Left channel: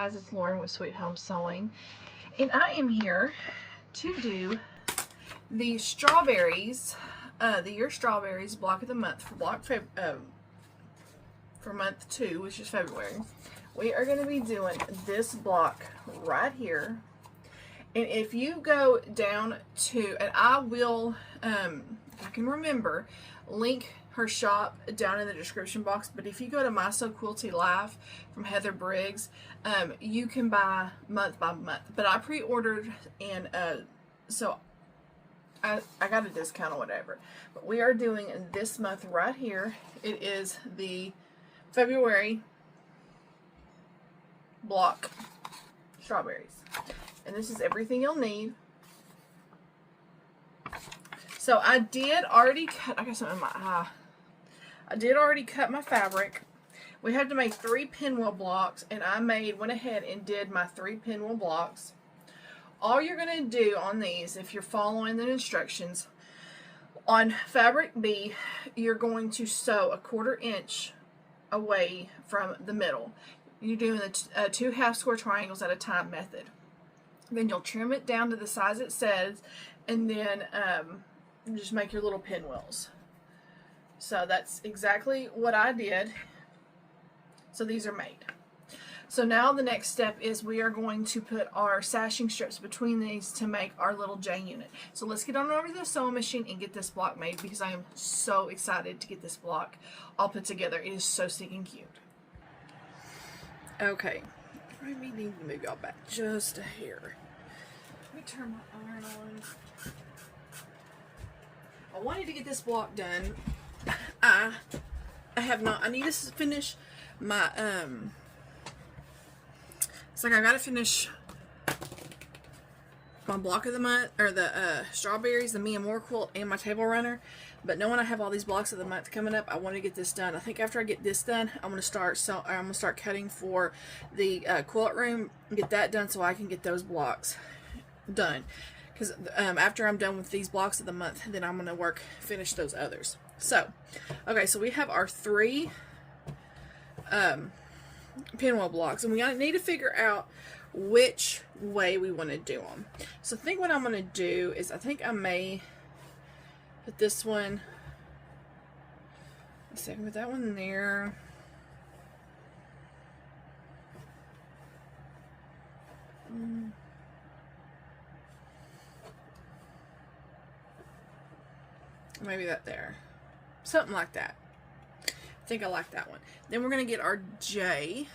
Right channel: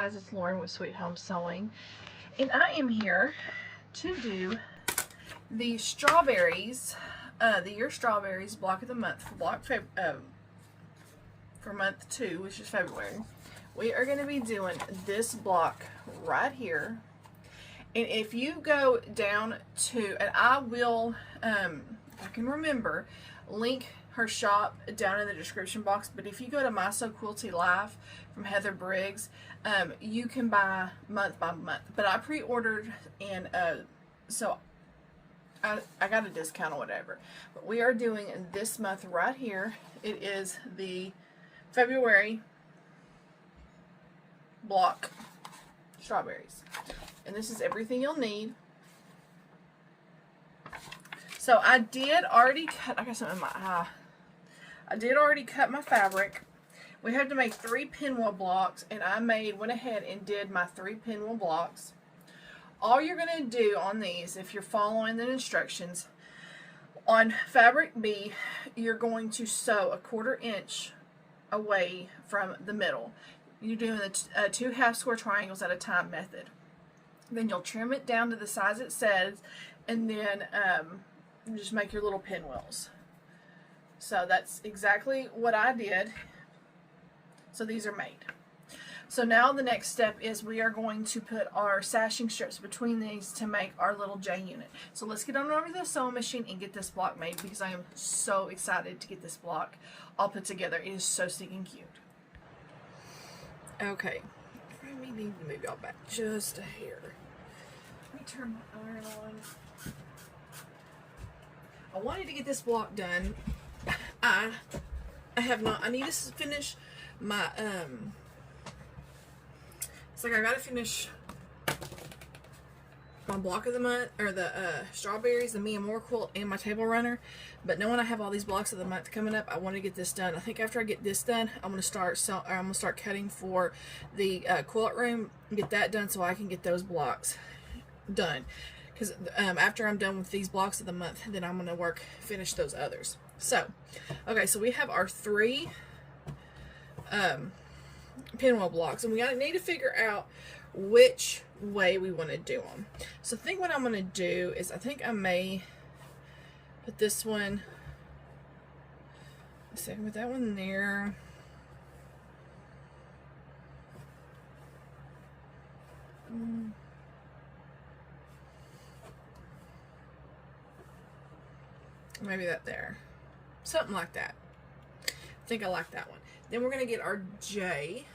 guys, it's Lauren with Sweet Home Sewing, and I am here to do the strawberries, the year strawberries block of the month for month 2, which is February. We are going to be doing this block right here, and if you go down to, and I will, if I can remember, link her shop down in the description box, but if you go to My So Quilty Life from Heather Briggs, you can buy month by month, but I pre-ordered, and so I got a discount or whatever, but we are doing this month right here. It is the February block strawberries, and this is everything you'll need. So I did already cut, I got something in my eye. I did already cut my fabric. We had to make 3 pinwheel blocks, and I went ahead and did my 3 pinwheel blocks. All you're going to do on these, if you're following the instructions, on fabric B, you're going to sew a 1/4 inch away from the middle. You're doing the 2 half square triangles at a time method. Then you'll trim it down to the size it says, and then just make your little pinwheels. So that's exactly what I did. So these are made. So now the next step is we are going to put our sashing strips between these to make our little J unit. So let's get on over to the sewing machine and get this block made, because I am so excited to get this block all put together. It is so stinking cute. Okay, I may need to move y'all back just a hair. Let me turn my iron on. I wanted to get this block done. I have not. I need to finish my it's like I gotta finish my block of the month, or the strawberries, the Me and More quilt, and my table runner. But knowing I have all these blocks of the month coming up, I want to get this done. I think after I get this done, I'm gonna start cutting for the quilt room, get that done so I can get those blocks done. Because after I'm done with these blocks of the month, then I'm going to finish those others. So, okay, so we have our 3 pinwheel blocks, and we need to figure out which way we want to do them. So I think what I'm going to do is, I think I may put this one, let's see, I can put that one there. Maybe that there. Something like that. I think I like that one. Then we're going to get our J.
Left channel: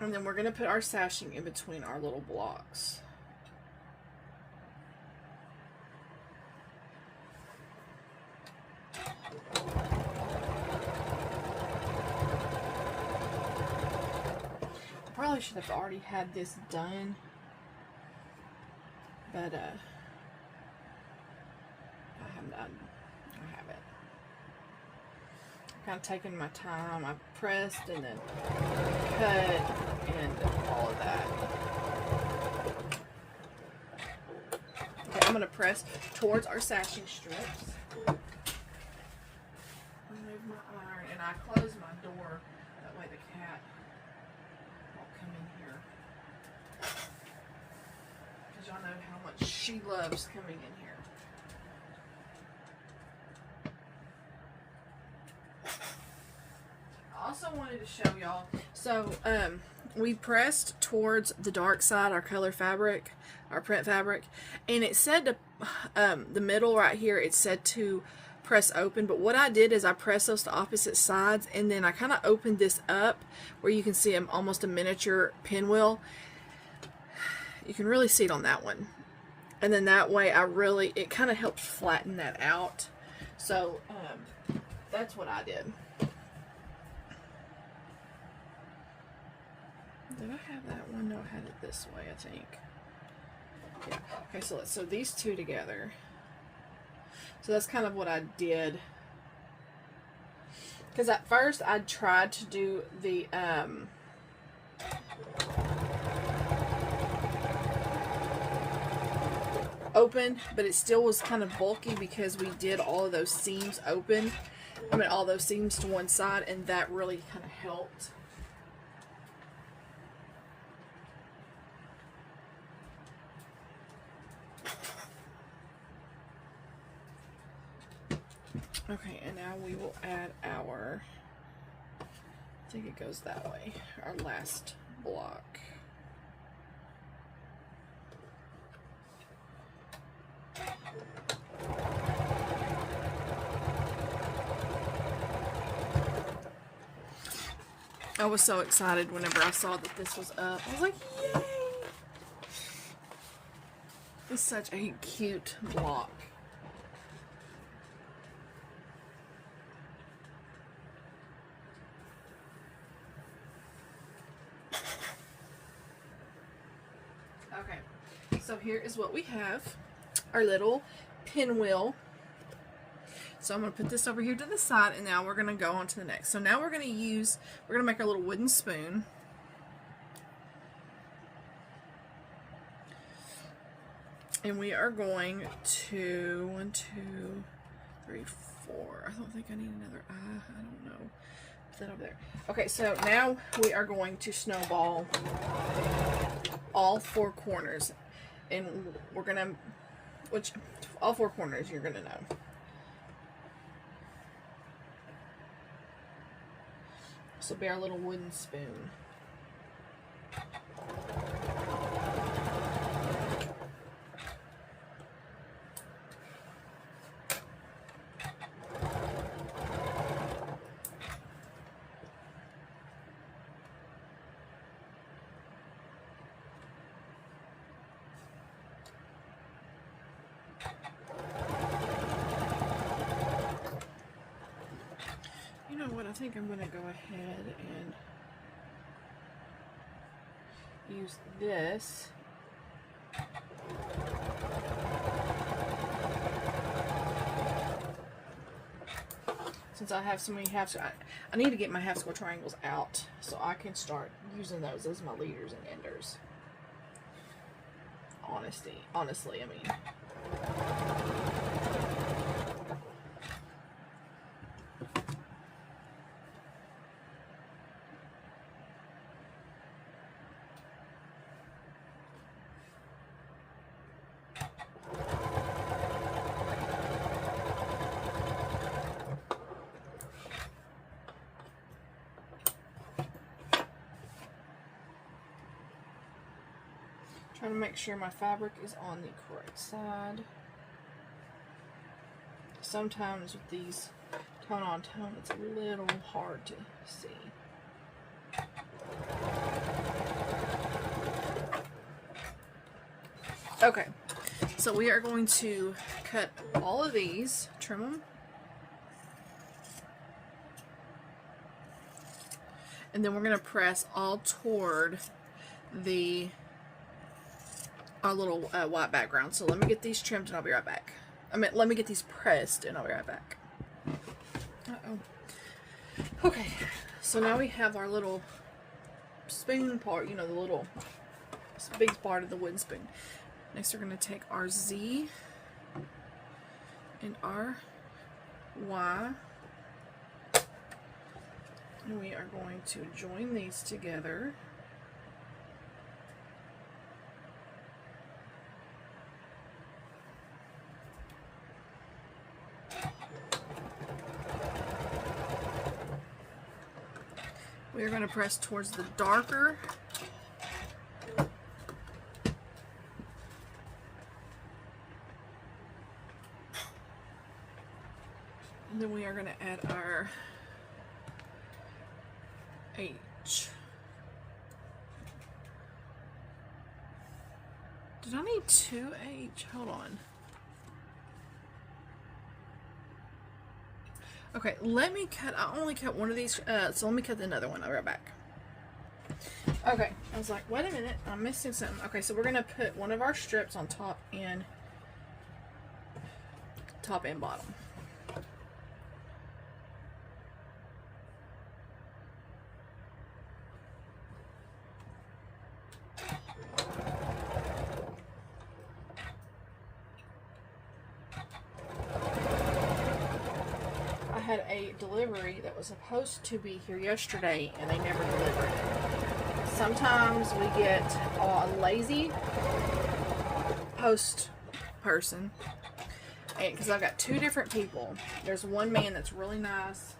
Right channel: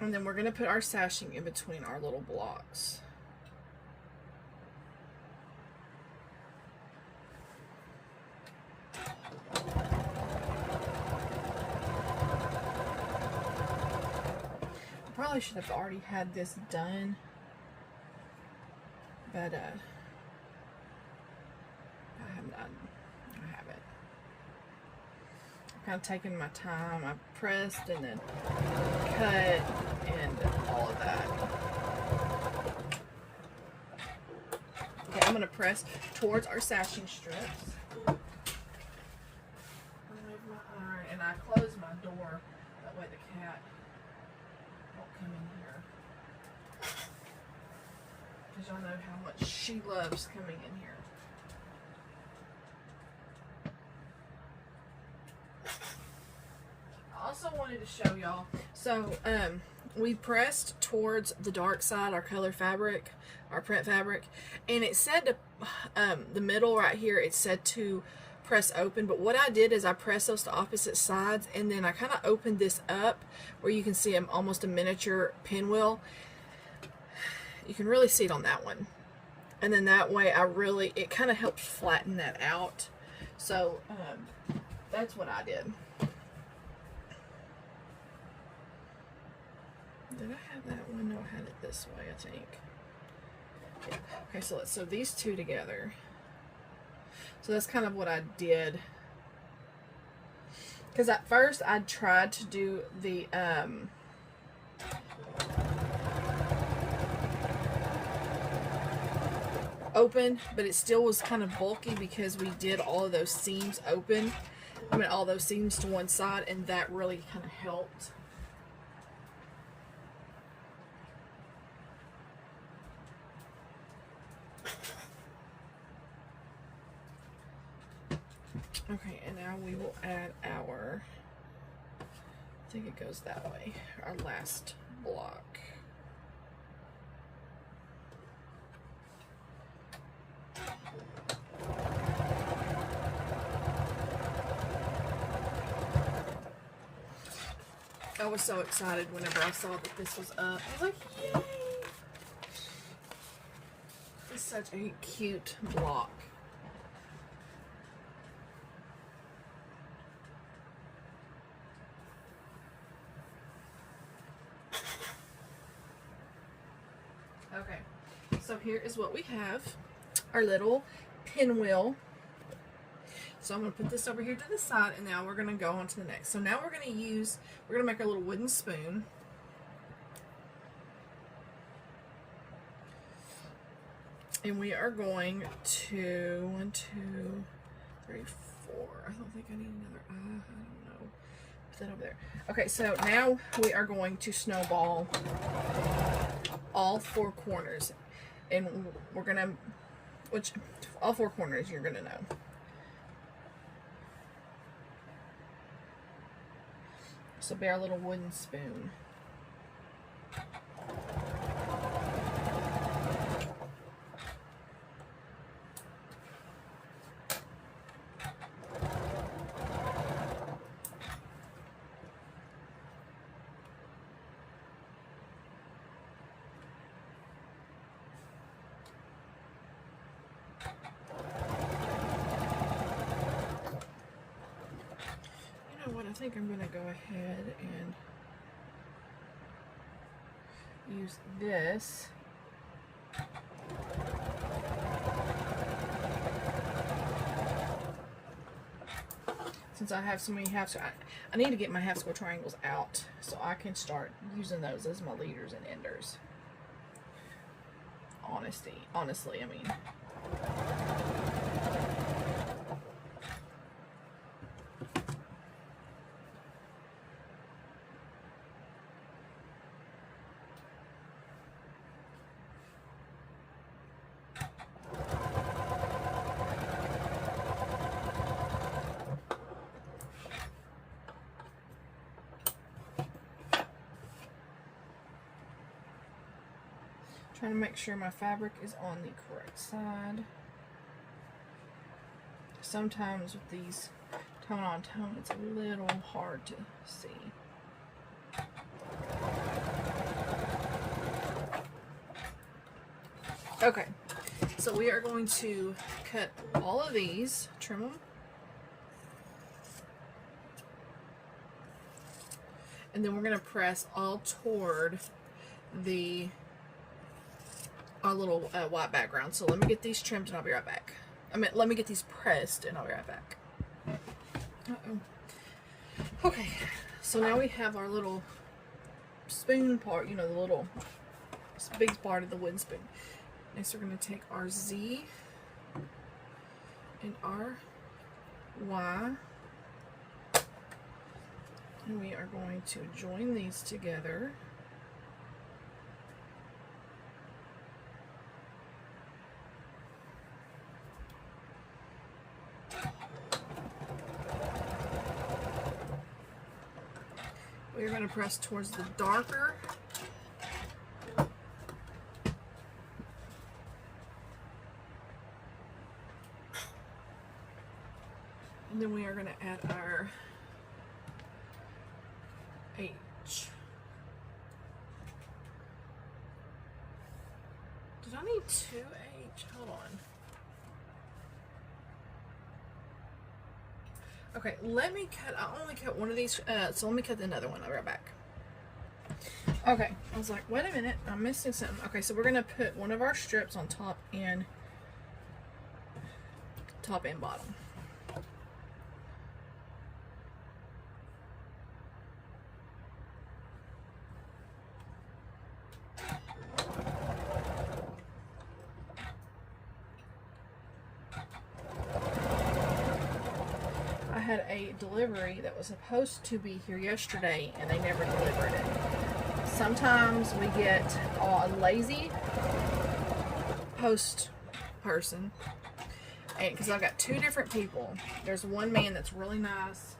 And then we're going to put our sashing in between our little blocks. I probably should have already had this done. But, I haven't. I'm kind of taking my time. I pressed and then cut and all of that. Okay, I'm going to press towards our sashing strips. Remove my iron, and I close my door. That way the cat won't come in here. Because y'all know how much she loves coming in here. I also wanted to show y'all, so we pressed towards the dark side, our color fabric, our print fabric, and it said to, the middle right here, it said to press open, but what I did is I pressed those to opposite sides, and then I kind of opened this up where you can see almost a miniature pinwheel. You can really see it on that one, and then that way it kind of helps flatten that out. So that's what I did. Did I have that one? No, I had it this way, I think. Yeah. Okay, so let's sew these 2 together. So that's kind of what I did. Because at first I tried to do the open, but it still was kind of bulky because we did all of those seams open. I mean, all those seams to one side, and that really kind of helped Okay, and now we will add our, I think it goes that way, our last block. I was so excited whenever I saw that this was up. I was like, yay! It's such a cute block. Okay, so here is what we have. Our little pinwheel. So I'm going to put this over here to the side, and now we're going to go on to the next. So now we're going to make our little wooden spoon. And we are going to 1, 2, 3, 4. I don't think I need another eye. I don't know. Put that over there. Okay, so now we are going to snowball all 4 corners. And we're going to, all 4 corners you're going to know. This will be our little wooden spoon. I think I'm going to go ahead and use this. Since I have so many I need to get my half square triangles out so I can start using those as my leaders and enders. Honestly, I mean. Trying to make sure my fabric is on the correct side. Sometimes with these tone on tone, it's a little hard to see. Okay, so we are going to cut all of these, trim them, and then we're going to press all toward our little white background. So let me get these trimmed and I'll be right back. Let me get these pressed and I'll be right back. Okay, so now we have our little spoon part, you know, the little big part of the wooden spoon. Next we're going to take our Z and our Y, and we are going to join these together. We're going to press towards the darker. And then we are going to add our H. Did I need 2H? Hold on. Okay, let me cut, I only cut one of these, so let me cut another one. I'll be right back. Okay, I was like, wait a minute, I'm missing something. Okay, so we're going to put one of our strips on top and bottom. Had a delivery that was supposed to be here yesterday and they never delivered it. Sometimes we get a lazy post person And because I've got 2 different people. There's one man that's really nice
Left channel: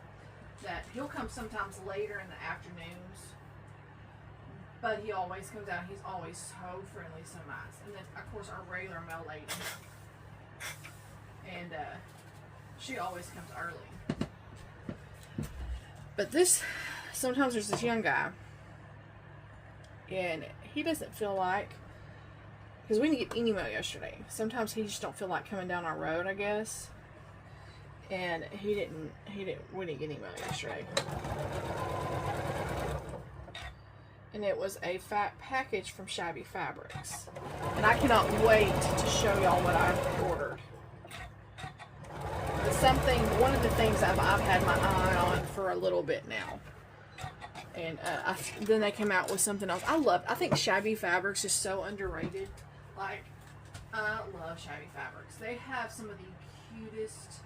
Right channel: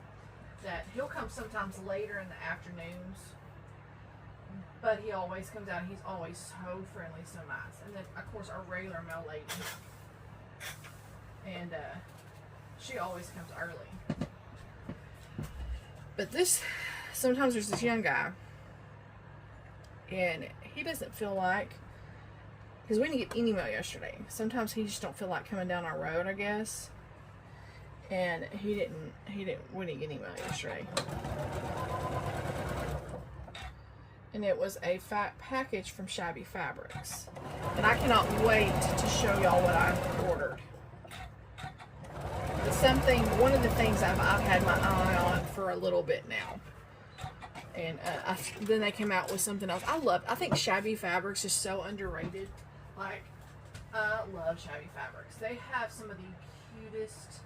that he'll come sometimes later in the afternoons, but he always comes out. He's always so friendly, so nice. And then of course our regular mail lady, and she always comes early. But this, sometimes there's this young guy, and he doesn't feel like, because we didn't get any mail yesterday. Sometimes he just don't feel like coming down our road, I guess. And we didn't get any mail yesterday. And it was a fat package from Shabby Fabrics. And I cannot wait to show y'all what I ordered. Something, one of the things I've had my eye on for a little bit now. And then they came out with something else. I think Shabby Fabrics is so underrated. Like, I love Shabby Fabrics. They have some of the cutest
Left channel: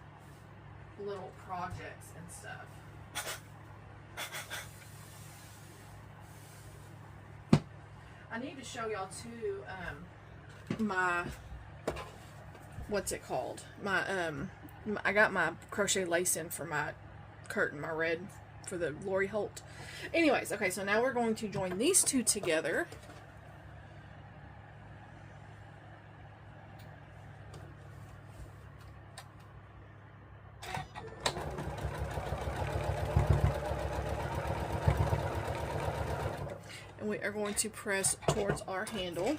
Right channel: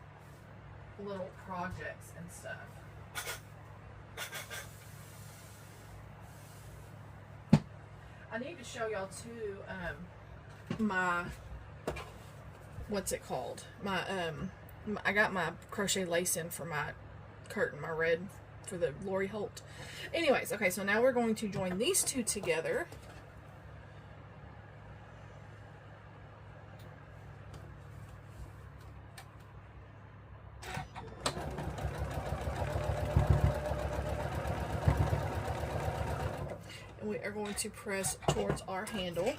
little projects and stuff. I need to show y'all too, my, what's it called? I got my crochet lace in for my curtain, my red, for the Lori Holt. Anyways, okay, so now we're going to join these 2 together. And we are going to press towards our handle.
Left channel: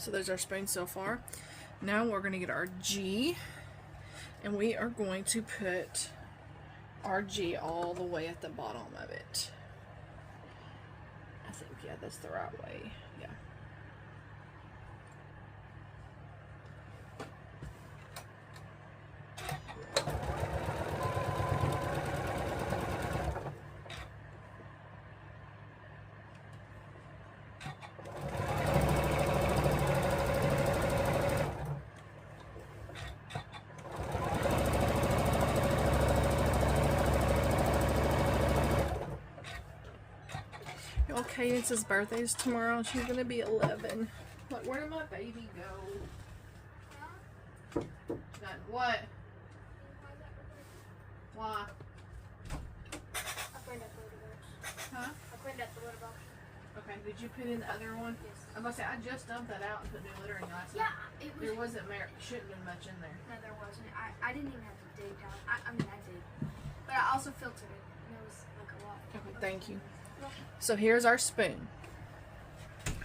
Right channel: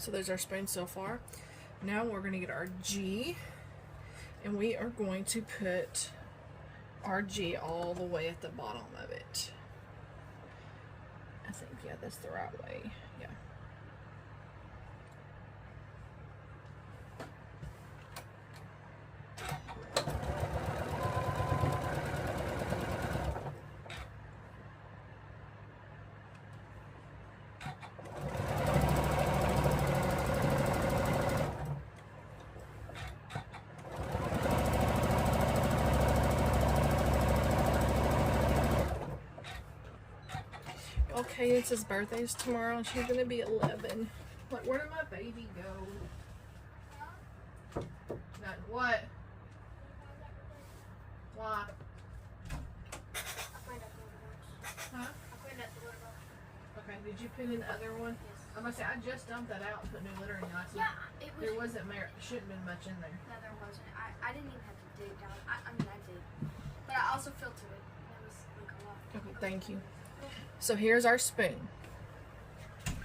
So there's our spoon so far. Now we're going to get our G, and we are going to put our G all the way at the bottom of it. I think, yeah, that's the right way. Yeah. Cadence's birthday is tomorrow. She's gonna be 11. Like, where did my baby go? None. What? Why? I cleaned up the litter box. Huh? I cleaned up the litter box. Okay, did you put in the other one? Yes. I'm about to say, I just dumped that out and put new litter in last Yeah, night. it was. There wasn't, shouldn't have been much in there. No, there wasn't. I didn't even have to dig down. I mean, I did. But I also filtered it. There was like a lot. Okay, thank you. So here's our spoon.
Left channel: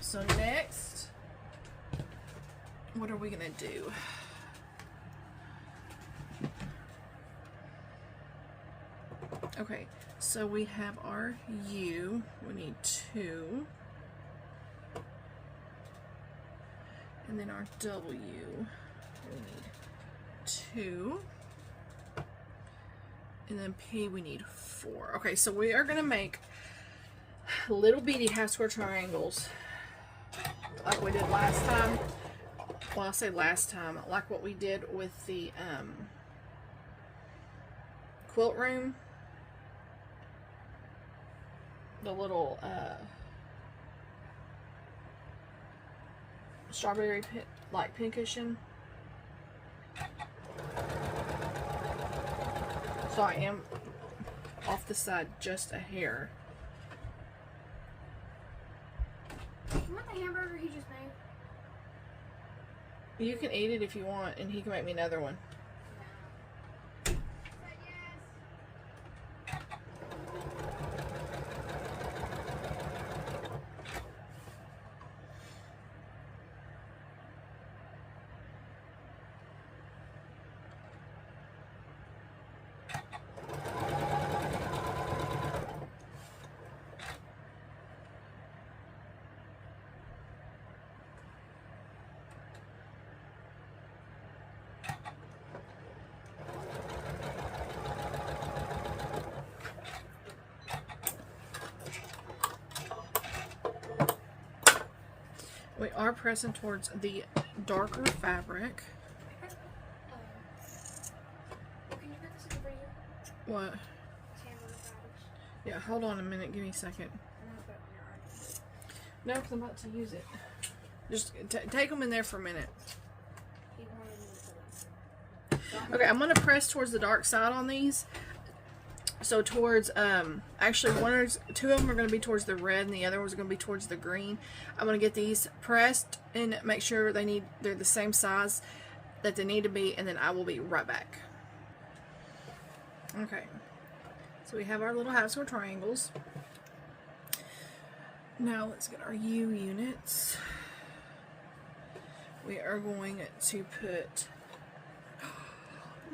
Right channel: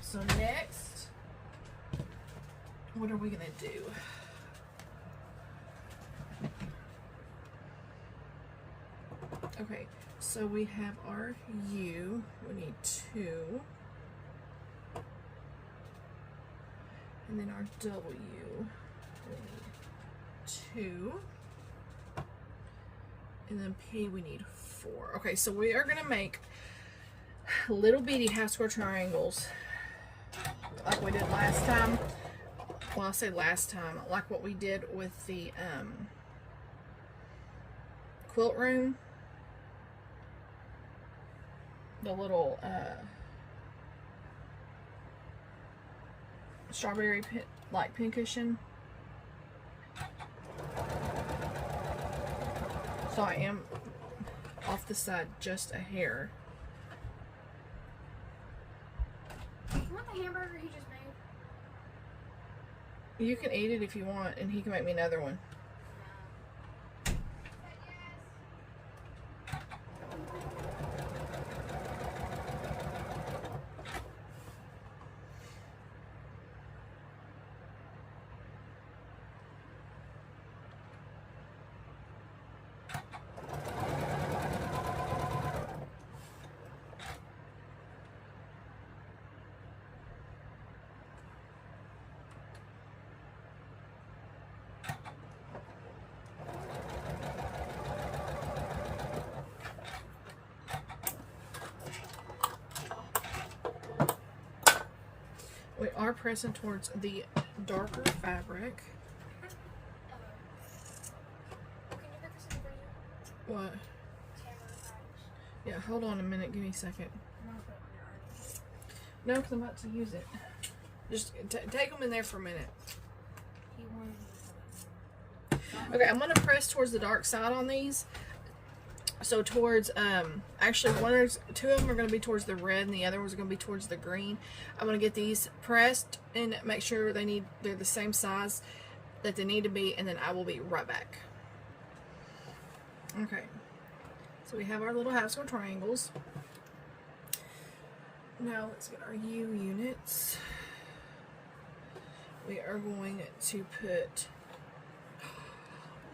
So next, what are we gonna do? Okay, so we have our U. We need 2. And then our W. We need 2. And then P we need 4. Okay, so we are gonna make little bitty half square triangles like we did last time. Well, I'll say last time, like what we did with the quilt room. The little strawberry pin cushion. So I am off the side just a hair. You want the hamburger he just made? You can eat it if you want, and he can make me another one. We are pressing towards the darker fabric. Can you put this in for you? What? Tamara package. Yeah, hold on a minute. Give me a second. I'm gonna put it on your arm. No, because I'm about to use it. Just take them in there for a minute. He wanted me to put it. Okay, I'm gonna press towards the dark side on these. So towards actually two of them are gonna be towards the red, and the other ones are gonna be towards the green. I'm gonna get these pressed and make sure they're the same size that they need to be, and then I will be right back. Okay, so we have our little half square triangles. Now let's get our U units. We are going to put.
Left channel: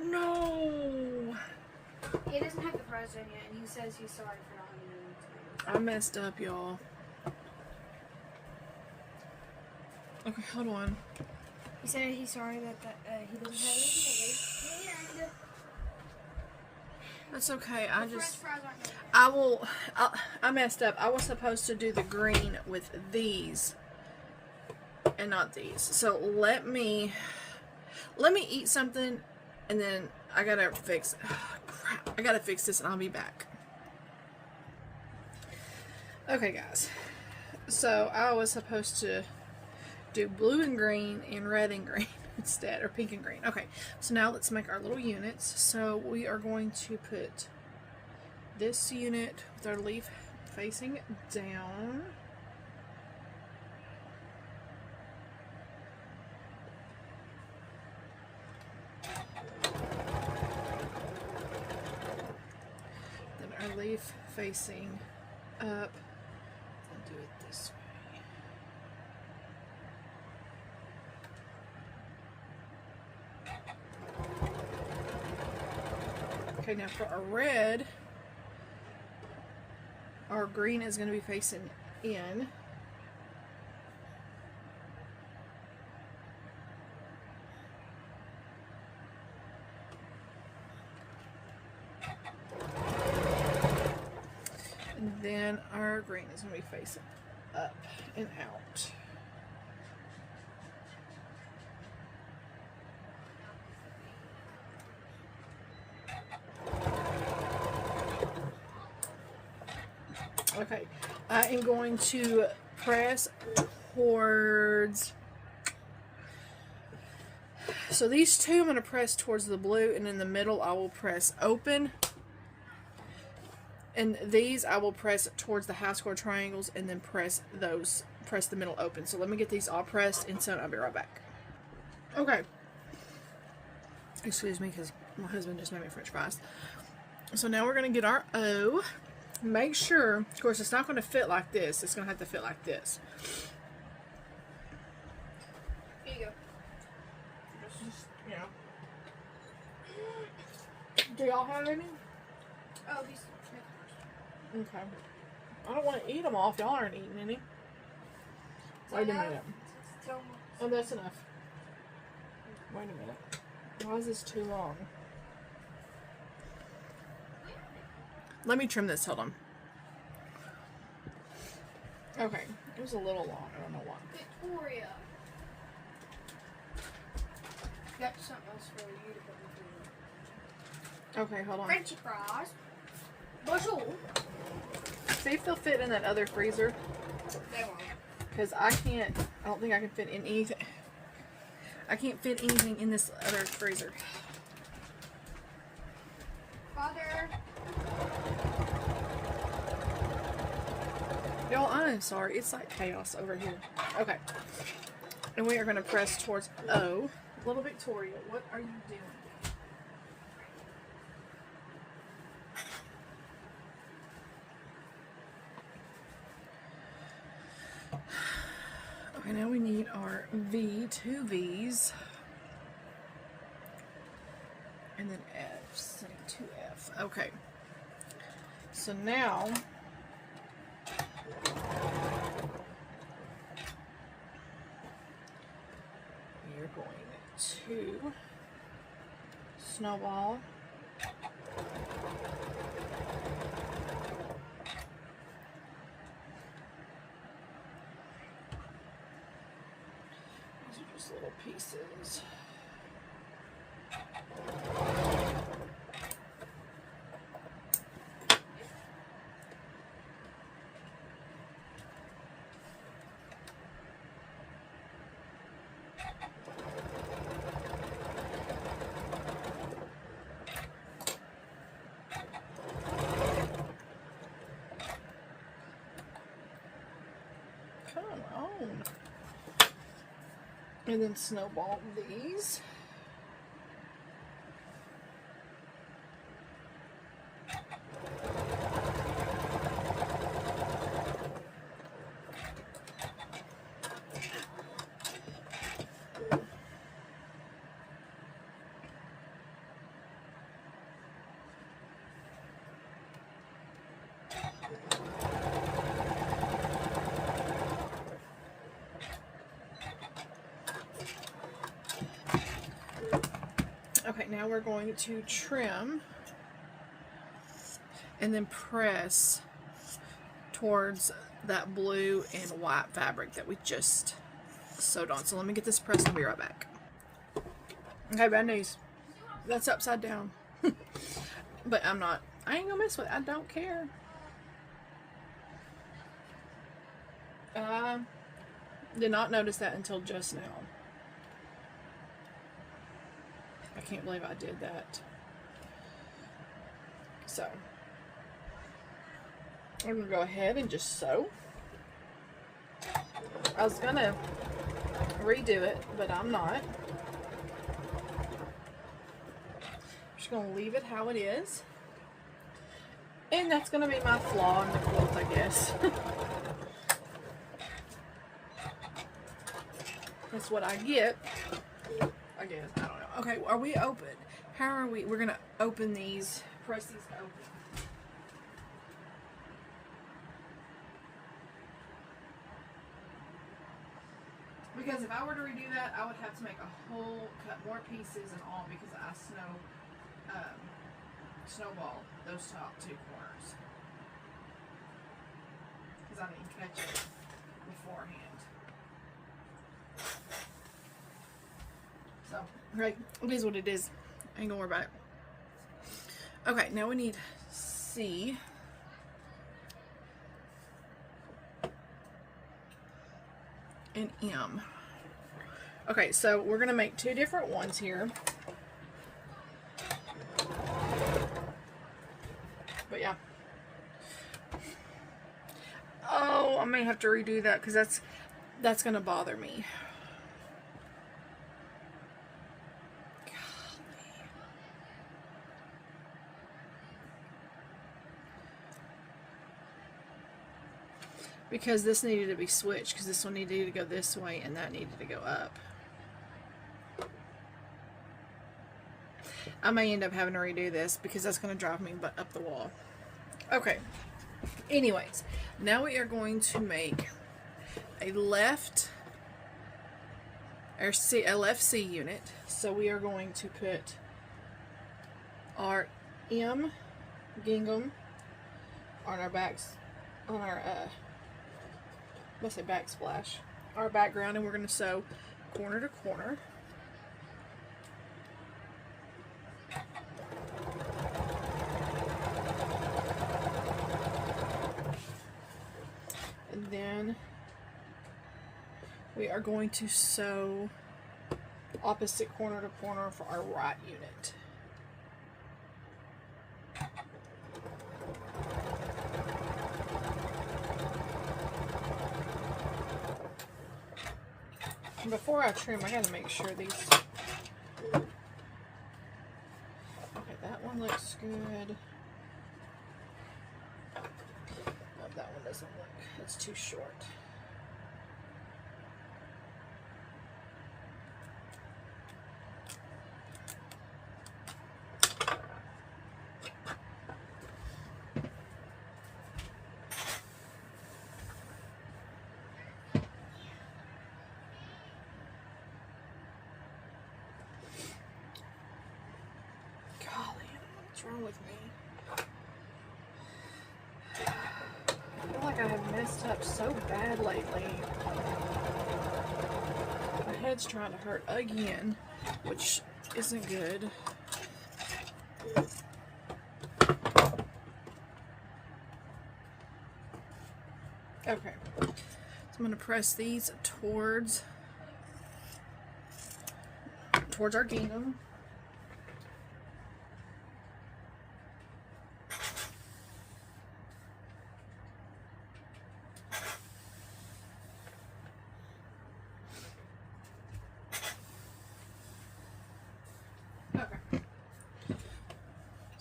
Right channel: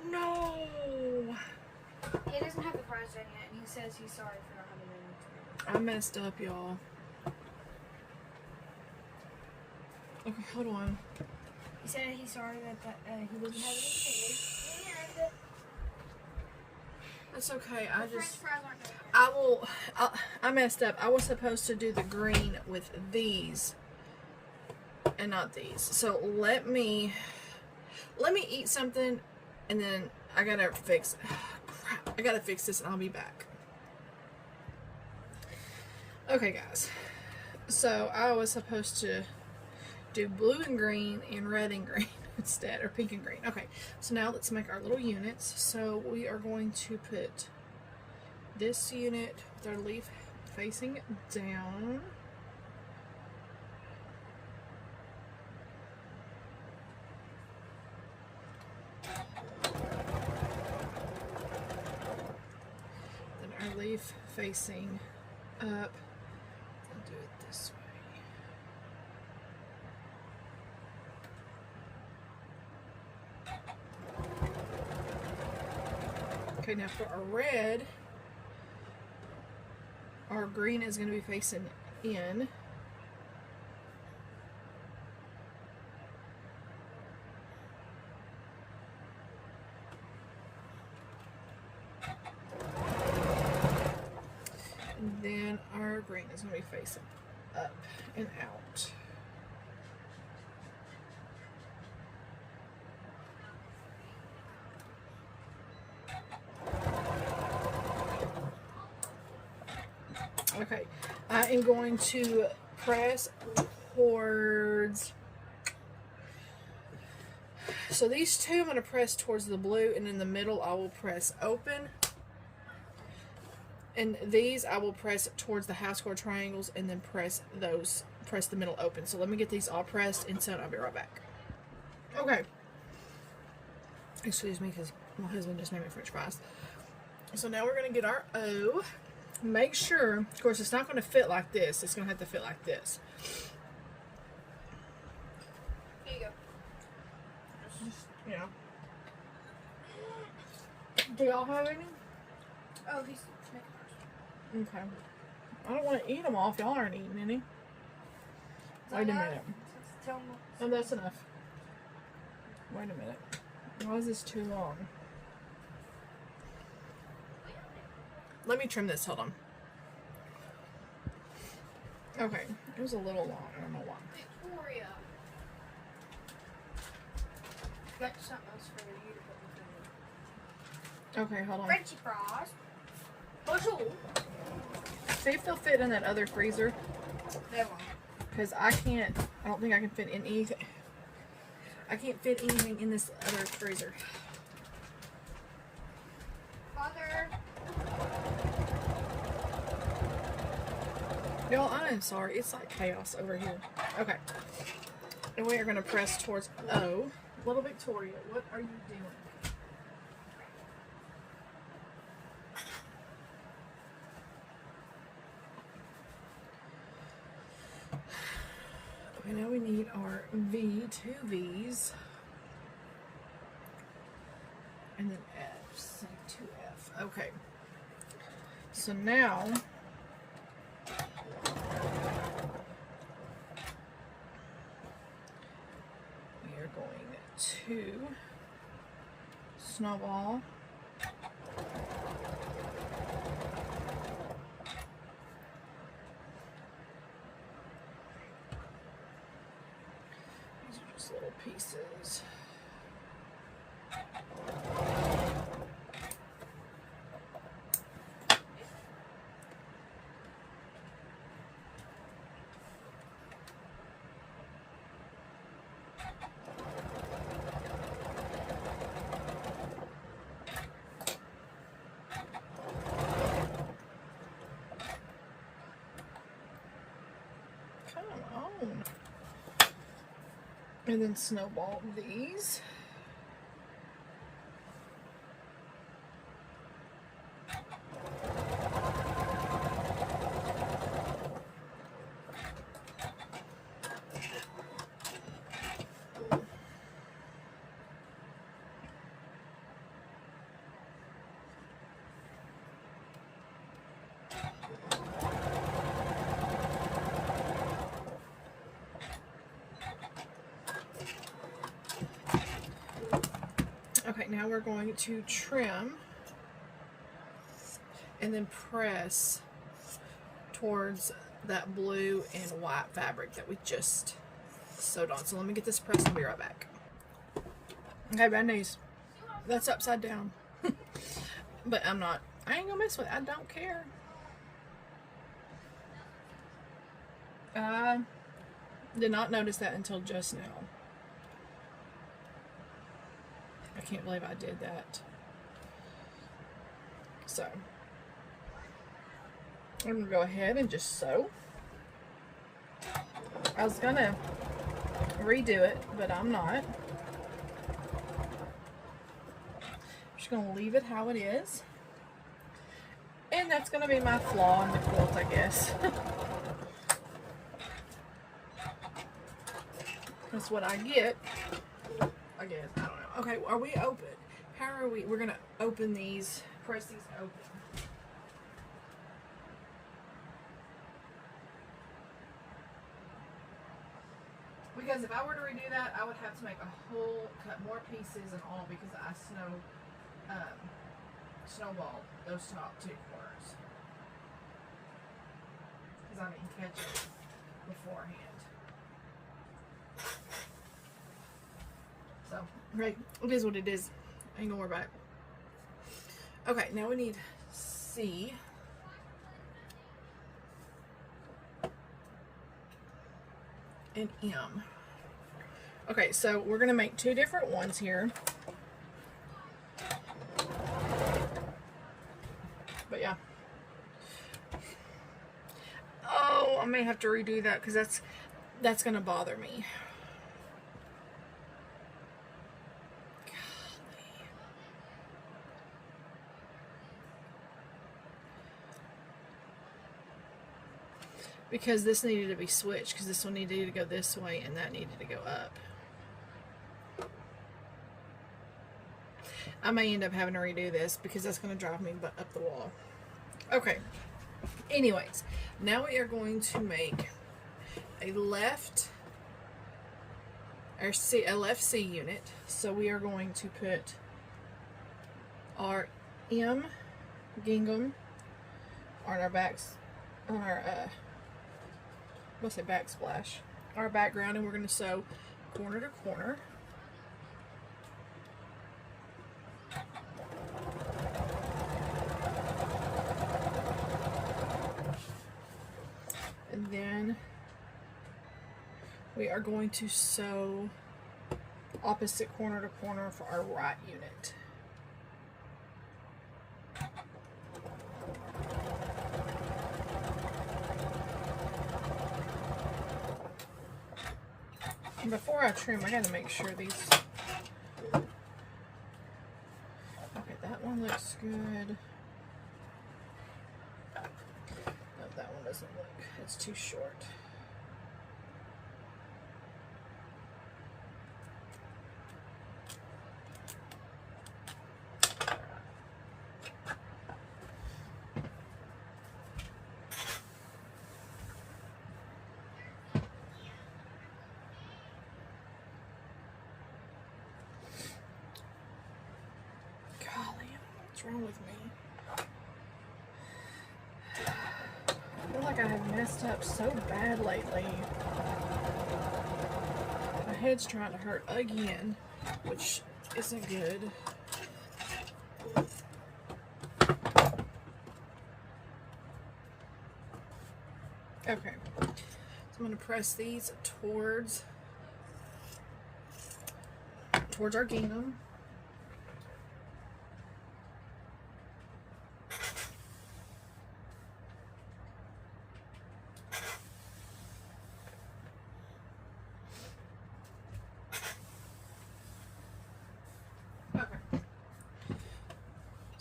No! He doesn't have the prize in yet, and he says he's sorry for not having any tomatoes. I messed up, y'all. Okay, hold on. He said he's sorry that he doesn't have any tomatoes, and That's okay. the French fries aren't good. I messed up. I was supposed to do the green with these and not these. So let me eat something, and then I gotta fix. Crap! I gotta fix this, and I'll be back. Okay, guys. So I was supposed to do blue and green and red and green instead, or pink and green. Okay. So now let's make our little units. So we are going to put this unit with our leaf facing down. Leaf facing up. I'll do it this way. Okay, now for our red, our green is going to be facing in. Then our green is going to be facing up and out. Okay, I am going to press towards, so these two I'm going to press towards the blue, and in the middle I will press open. And these I will press towards the half square triangles, and then press the middle open. So let me get these all pressed, and so I'll be right back. Okay. Excuse me, because my husband just made me French fries. So now we're going to get our O. Make sure, of course, it's not going to fit like this. It's going to have to fit like this. Here you go. Just, you know. Do y'all have any? Oh, he's Okay. I don't want to eat them all if y'all aren't eating any. Wait a minute. Oh, that's enough. Wait a minute. Why is this too long? Let me trim this. Hold on. Okay. It was a little long. I don't know why. Victoria. Got something else for you to put in the food. Okay, hold on. Frenchy fries. Bonjour. See if they'll fit in that other freezer. They won't. Because I don't think I can fit in anything. I can't fit anything in this other freezer. Father. Y'all, I am sorry. It's like chaos over here. Okay. And we are going to press towards O. Little Victoria, what are you doing? Okay, now we need our V, two V's. And then F's, two F. Okay. So now we are going to snowball. These are just little pieces. And then snowball these. Okay, now we're going to trim and then press towards that blue and white fabric that we just sewed on. So let me get this pressed and be right back. Okay, bad news. That's upside down. But I ain't gonna mess with it. I don't care. I did not notice that until just now. I can't believe I did that. So, I'm going to go ahead and just sew. I was going to redo it, but I'm not. I'm just going to leave it how it is. And that's going to be my flaw in the quilt, I guess. That's what I get. I guess. I don't know. Okay, are we open? How are we? We're going to open these, press these open. Because if I were to redo that, I would have to make a whole, cut more pieces and all because I snowballed those top two corners. Because I didn't catch it beforehand. So, right, it is what it is. I ain't gonna worry about it. Okay, now we need C. And M. Okay, so we're gonna make two different ones here. But yeah. Oh, I may have to redo that because that's gonna bother me. Because this needed to be switched, because this one needed to go this way and that needed to go up. I may end up having to redo this because that's going to drive me up the wall. Okay. Anyways, now we are going to make a left C unit. So we are going to put our M gingham on our backs, on our let's say backsplash, our background, and we're going to sew corner to corner. And then we are going to sew opposite corner to corner for our right unit. And before I trim, I gotta make sure these. Okay, that one looks good. Oh, that one doesn't look, it's too short. What's wrong with me? I feel like I have messed up so bad lately. My head's trying to hurt again, which isn't good. Okay, so I'm going to press these towards our gingham.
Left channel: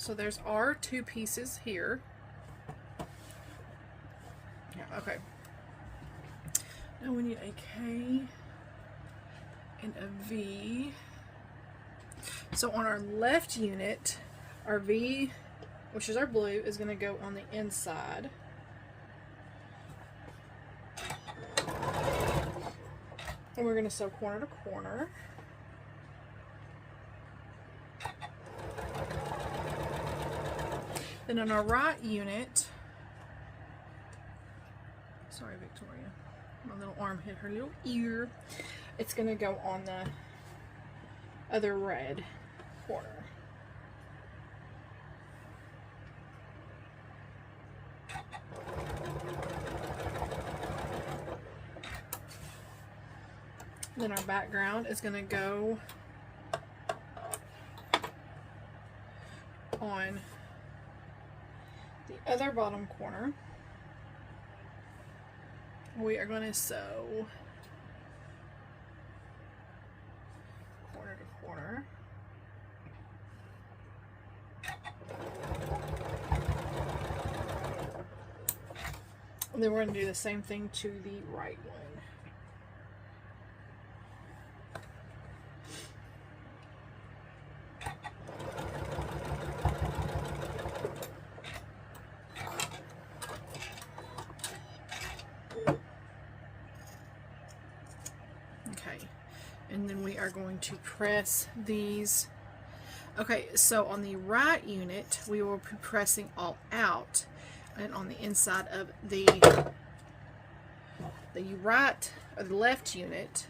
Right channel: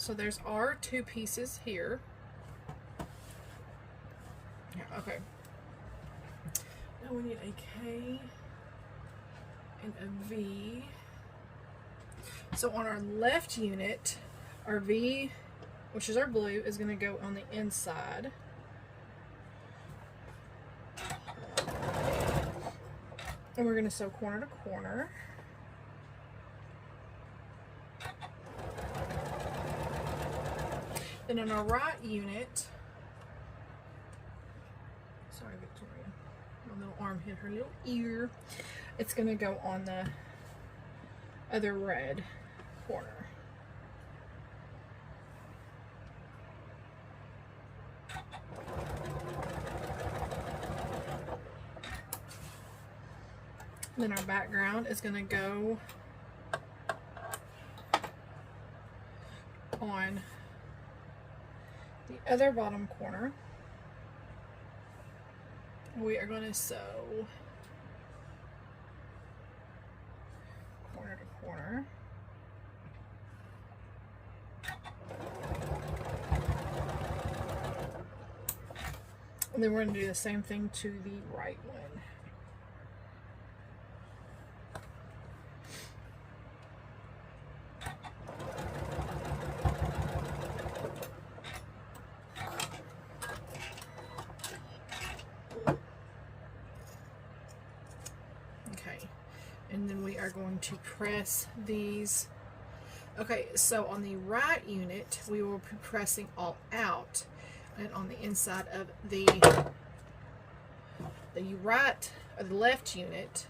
So there's our two pieces here. Yeah, okay. Now we need a K and a V. So on our left unit, our V, which is our blue, is going to go on the inside. And we're going to sew corner to corner. Then on our right unit, sorry Victoria, my little arm hit her little ear. It's going to go on the other red corner. Then our background is going to go on the other bottom corner. We are going to sew corner to corner. And then we're going to do the same thing to the right one. And then we are going to press these. Okay, so on the right unit, we will be pressing all out, and on the inside of the right or the left unit,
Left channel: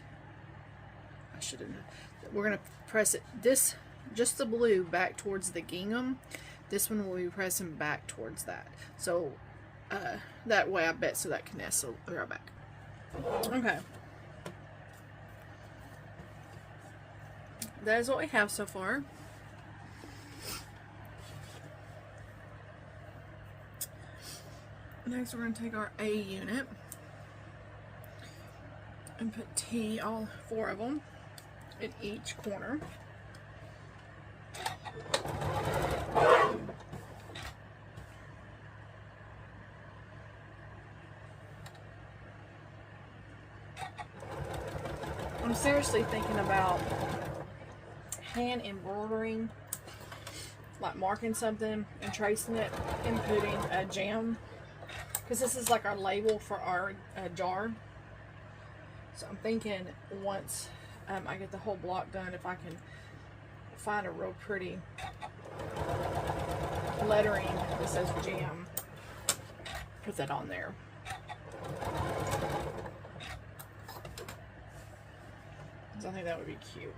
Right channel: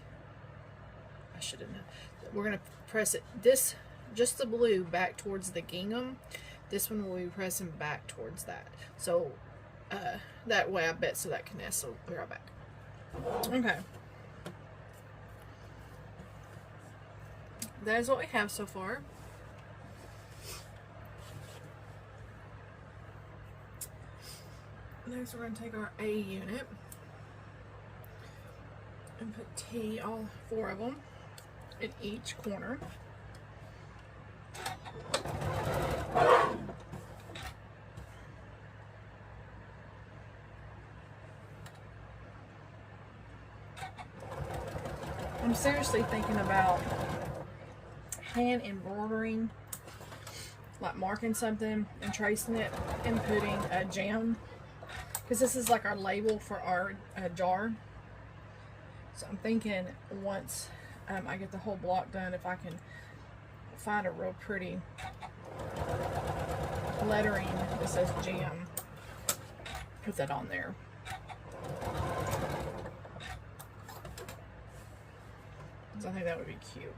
I should have known. We're going to press it just the blue back towards the gingham. This one will be pressing back towards that. So that way, I bet so that can nestle right back. Okay. That is what we have so far. Next, we're going to take our A unit and put T, all 4 of them, in each corner. I'm seriously thinking about hand embroidering, like marking something and tracing it and putting a gem, because this is like our label for our jar. So I'm thinking once I get the whole block done, if I can find a real pretty lettering that says gem, put that on there. So I think that would be cute.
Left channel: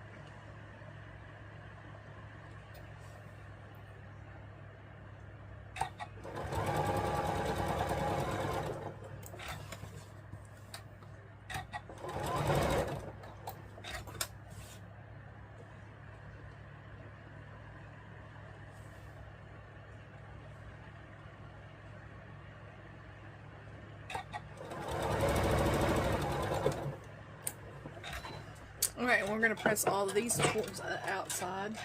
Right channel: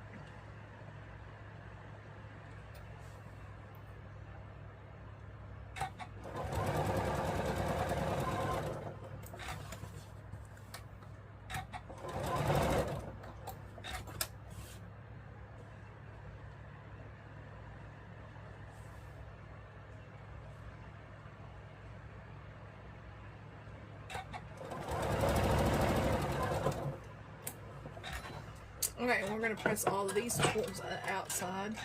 Okay, we're going to press all of these towards the outside.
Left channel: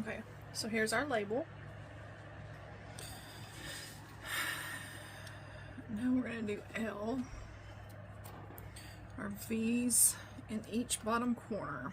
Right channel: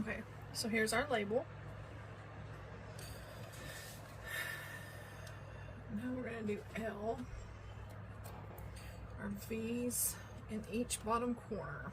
Okay, so here's our label. Now we're going to do L, our V's in each bottom corner.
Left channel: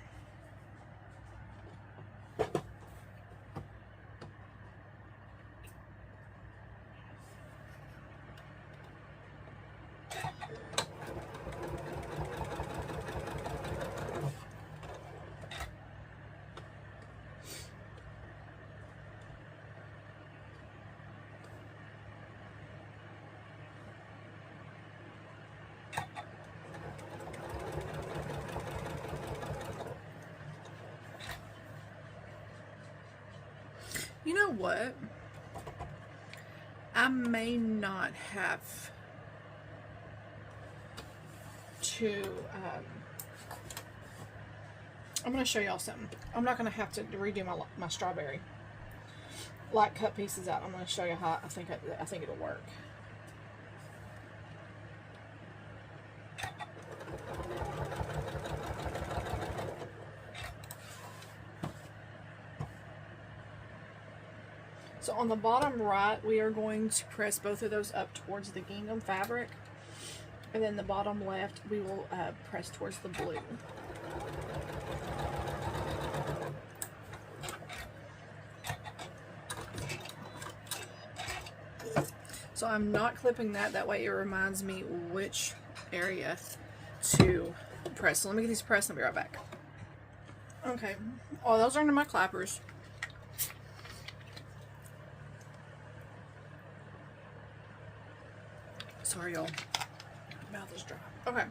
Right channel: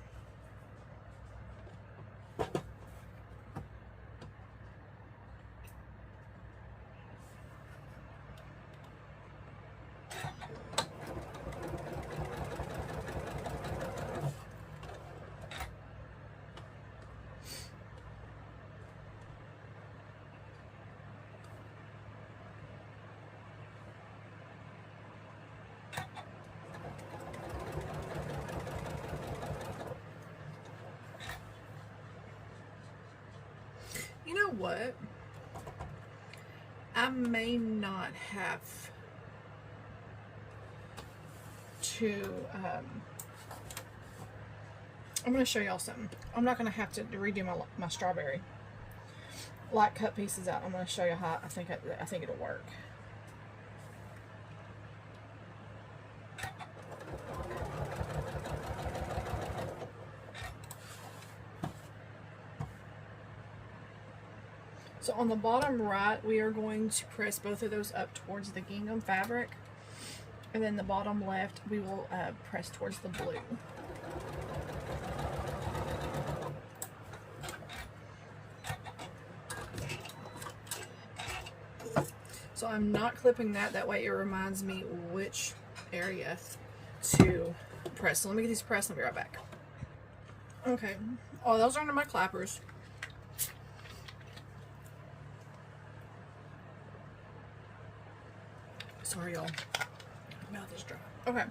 what? I may not have to, I'm going to show y'all something. I'm not going to have to redo my strawberry. Like, cut pieces out. I'm going to show you how I think it'll work. So on the bottom right, we are going to press both of those up towards the gingham fabric. And then the bottom left, we will press towards the blue. So I'm not clipping that. That way it reminds me which area to press. So let me get these pressed and I'll be right back. Okay. Oh, those are under my clappers. Sorry, y'all. My mouth is dry. Okay.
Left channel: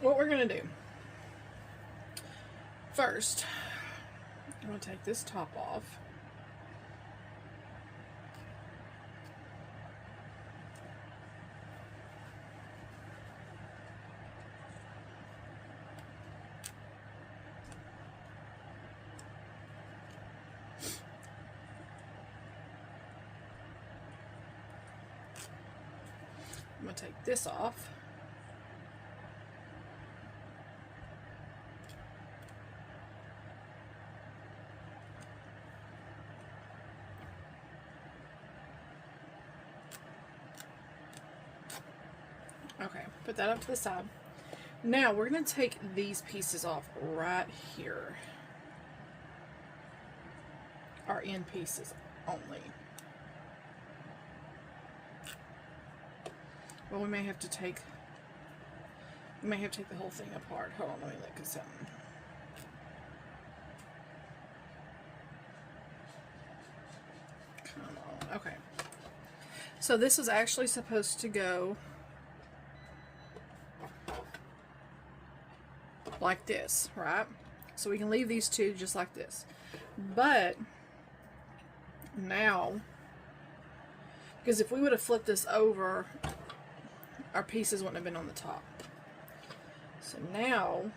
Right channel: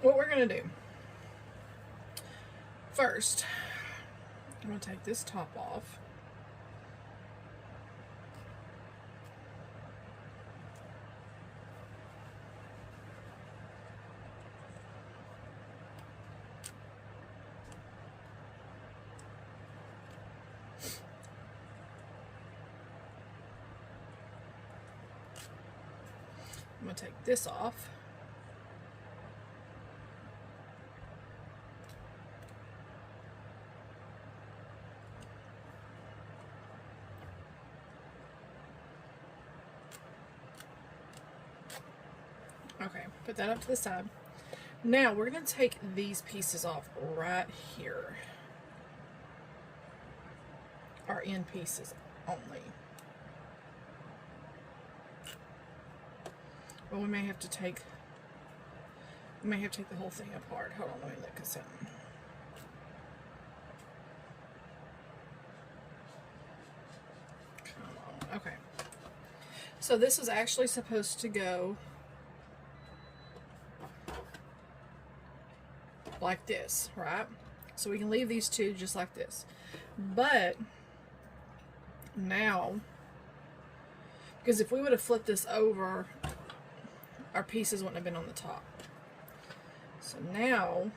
What we're going to do. First, I'm going to take this top off. I'm going to take this off. Okay, put that up to the side. Now we're going to take these pieces off right here. Our end pieces only. Well, we may have to take the whole thing apart. Hold on, let me look at something. Come on. Okay. So this is actually supposed to go like this, right? So we can leave these two just like this. But now, because if we would have flipped this over, our pieces wouldn't have been on the top. So now,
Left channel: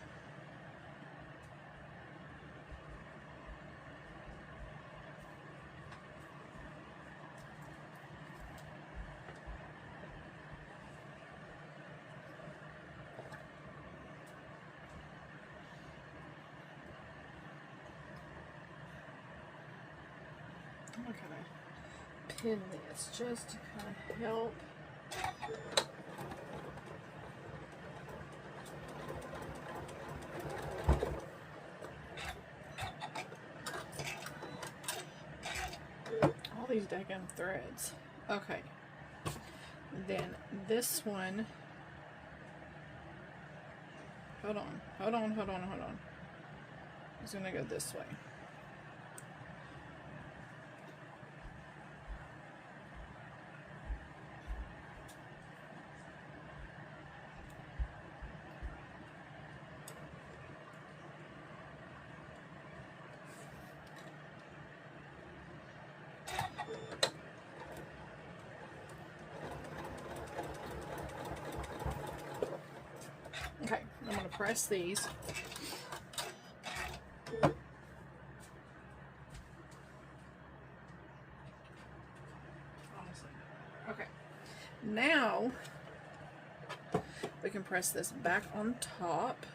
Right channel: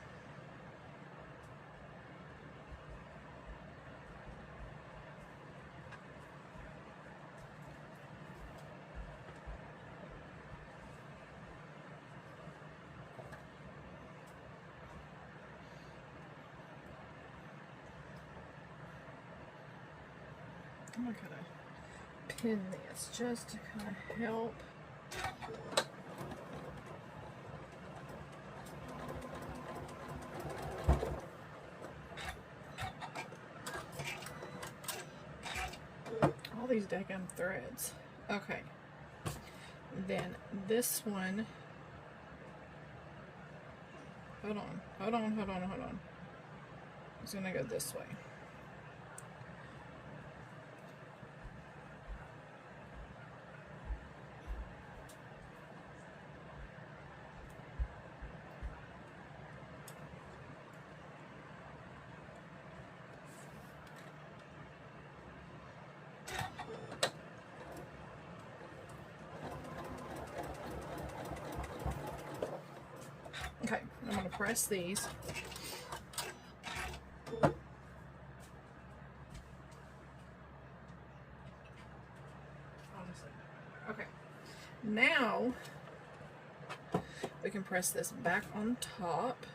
I'm gonna kind of pin this just to kind of help. All these daggum threads. Okay. Then this one. Hold on. It's gonna go this way. Okay, I'm going to press these. Okay, now we can press this back on top.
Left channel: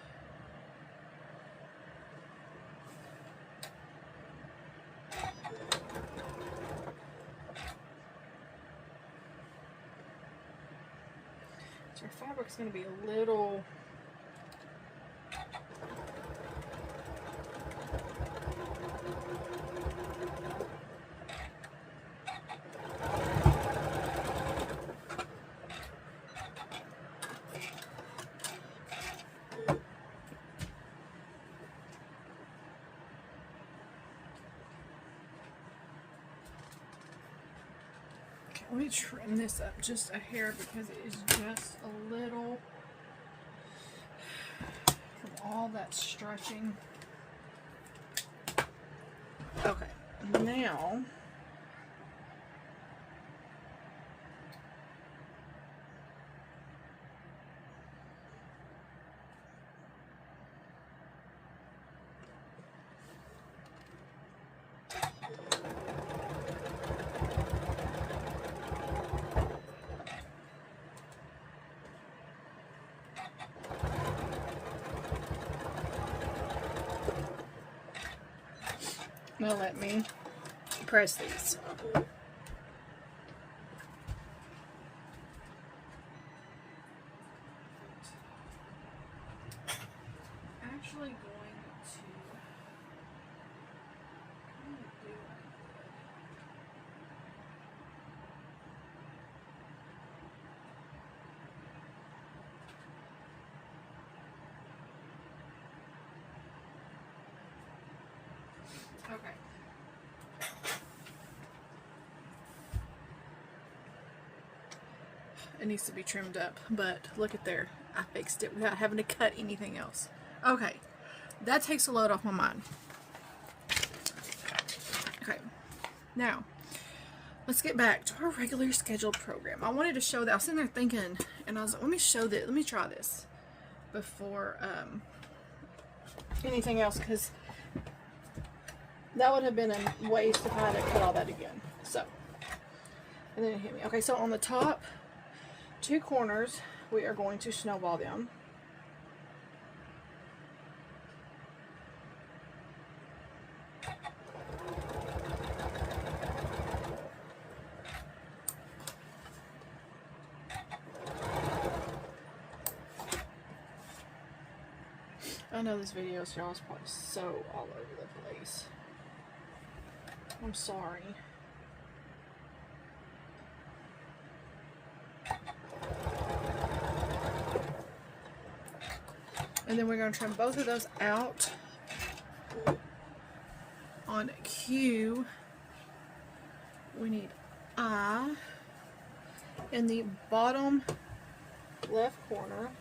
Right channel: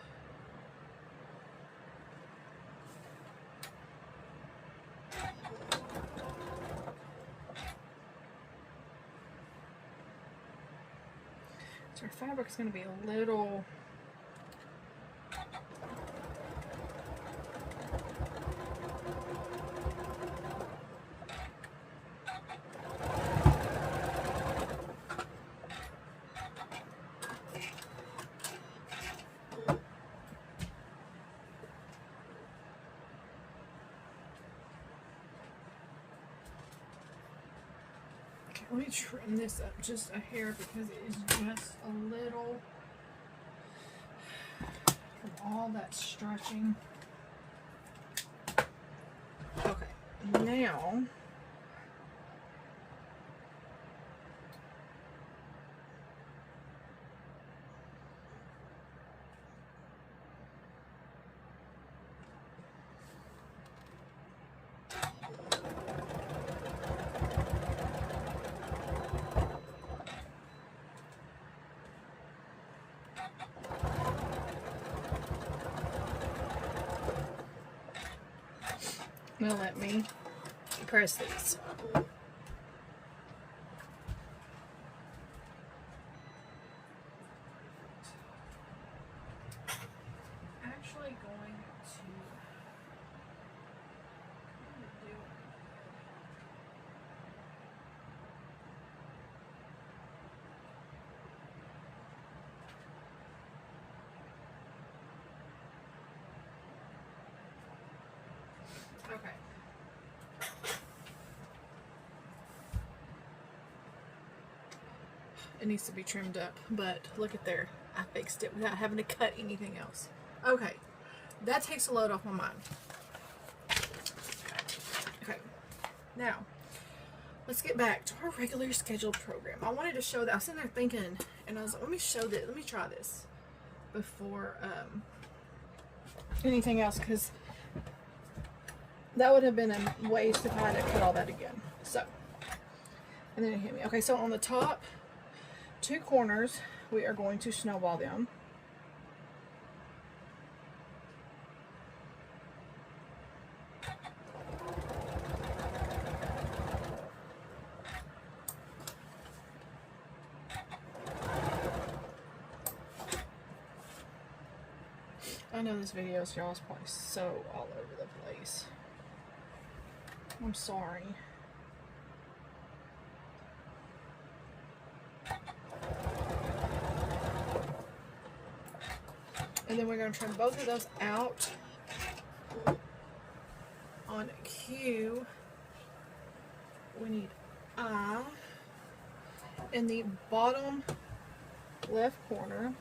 So our fabric is going to be a little let me trim this up just a hair because it is just a little from all that stretching. Okay, now Now let me press these. Actually going to do okay. It needs to be trimmed up, but look at there. I fixed it without having to cut anything else. Okay, that takes a load off my mind. Okay, now let's get back to our regularly scheduled program. I wanted to show that. I was sitting there thinking, and I was like, let me show this. Let me try this before anything else, because that would have been a waste if I had to cut all that again. So, and then it hit me. Okay, so on the top two corners, we are going to snowball them. I know this video is y'all's probably so all over the place. I'm sorry. And then we're going to trim both of those out on Q. We need I in the bottom left corner.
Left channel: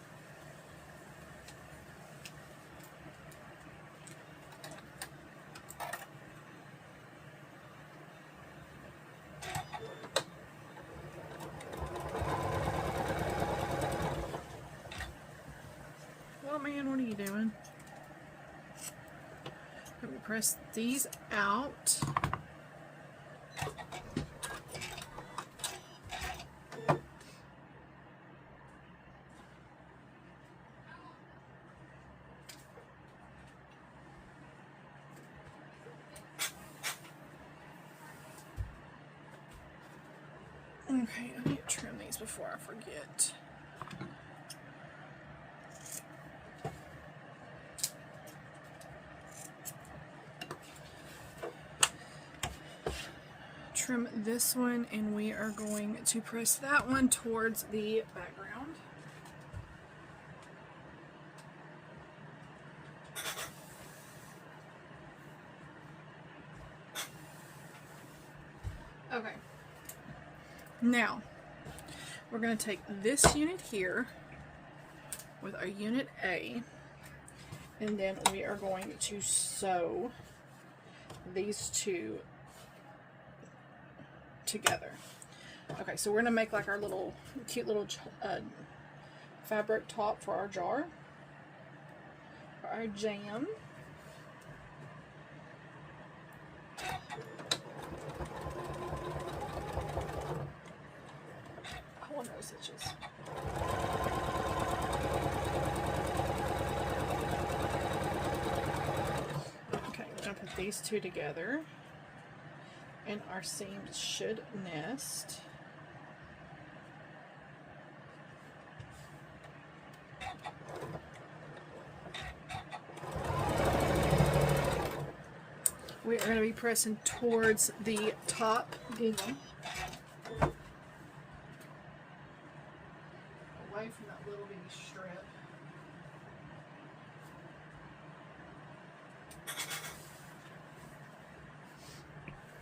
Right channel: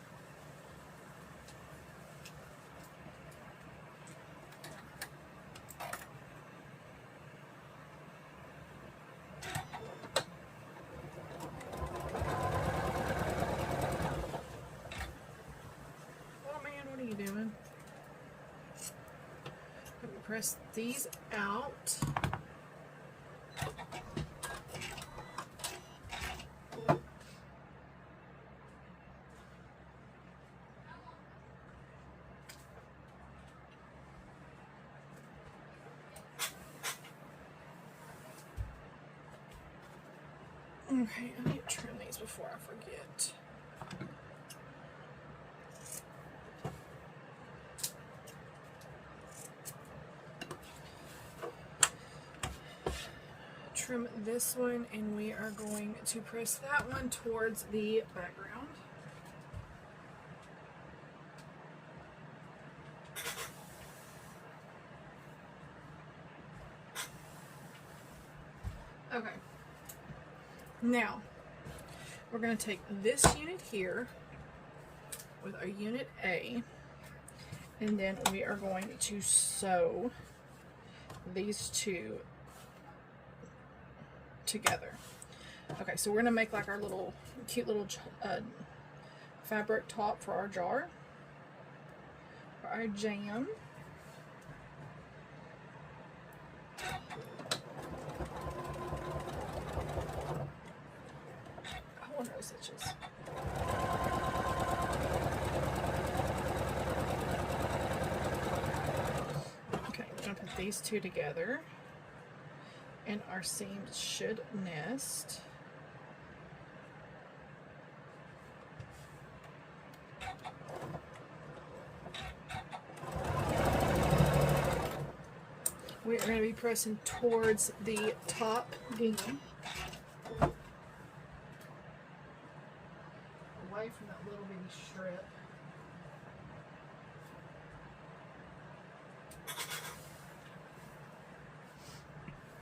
Press these out. Okay, I need to trim these before I forget. Trim this one, and we are going to press that one towards the background. Okay. Now, we're going to take this unit here with our unit A, and then we are going to sew these two together. Okay, so we're gonna make like our little cute little fabric top for our jar, for our jam. I want those stitches. Okay, we're gonna put these two together. And our seams should nest. We're going to be pressing towards the top gingham. Away from that little bitty strip.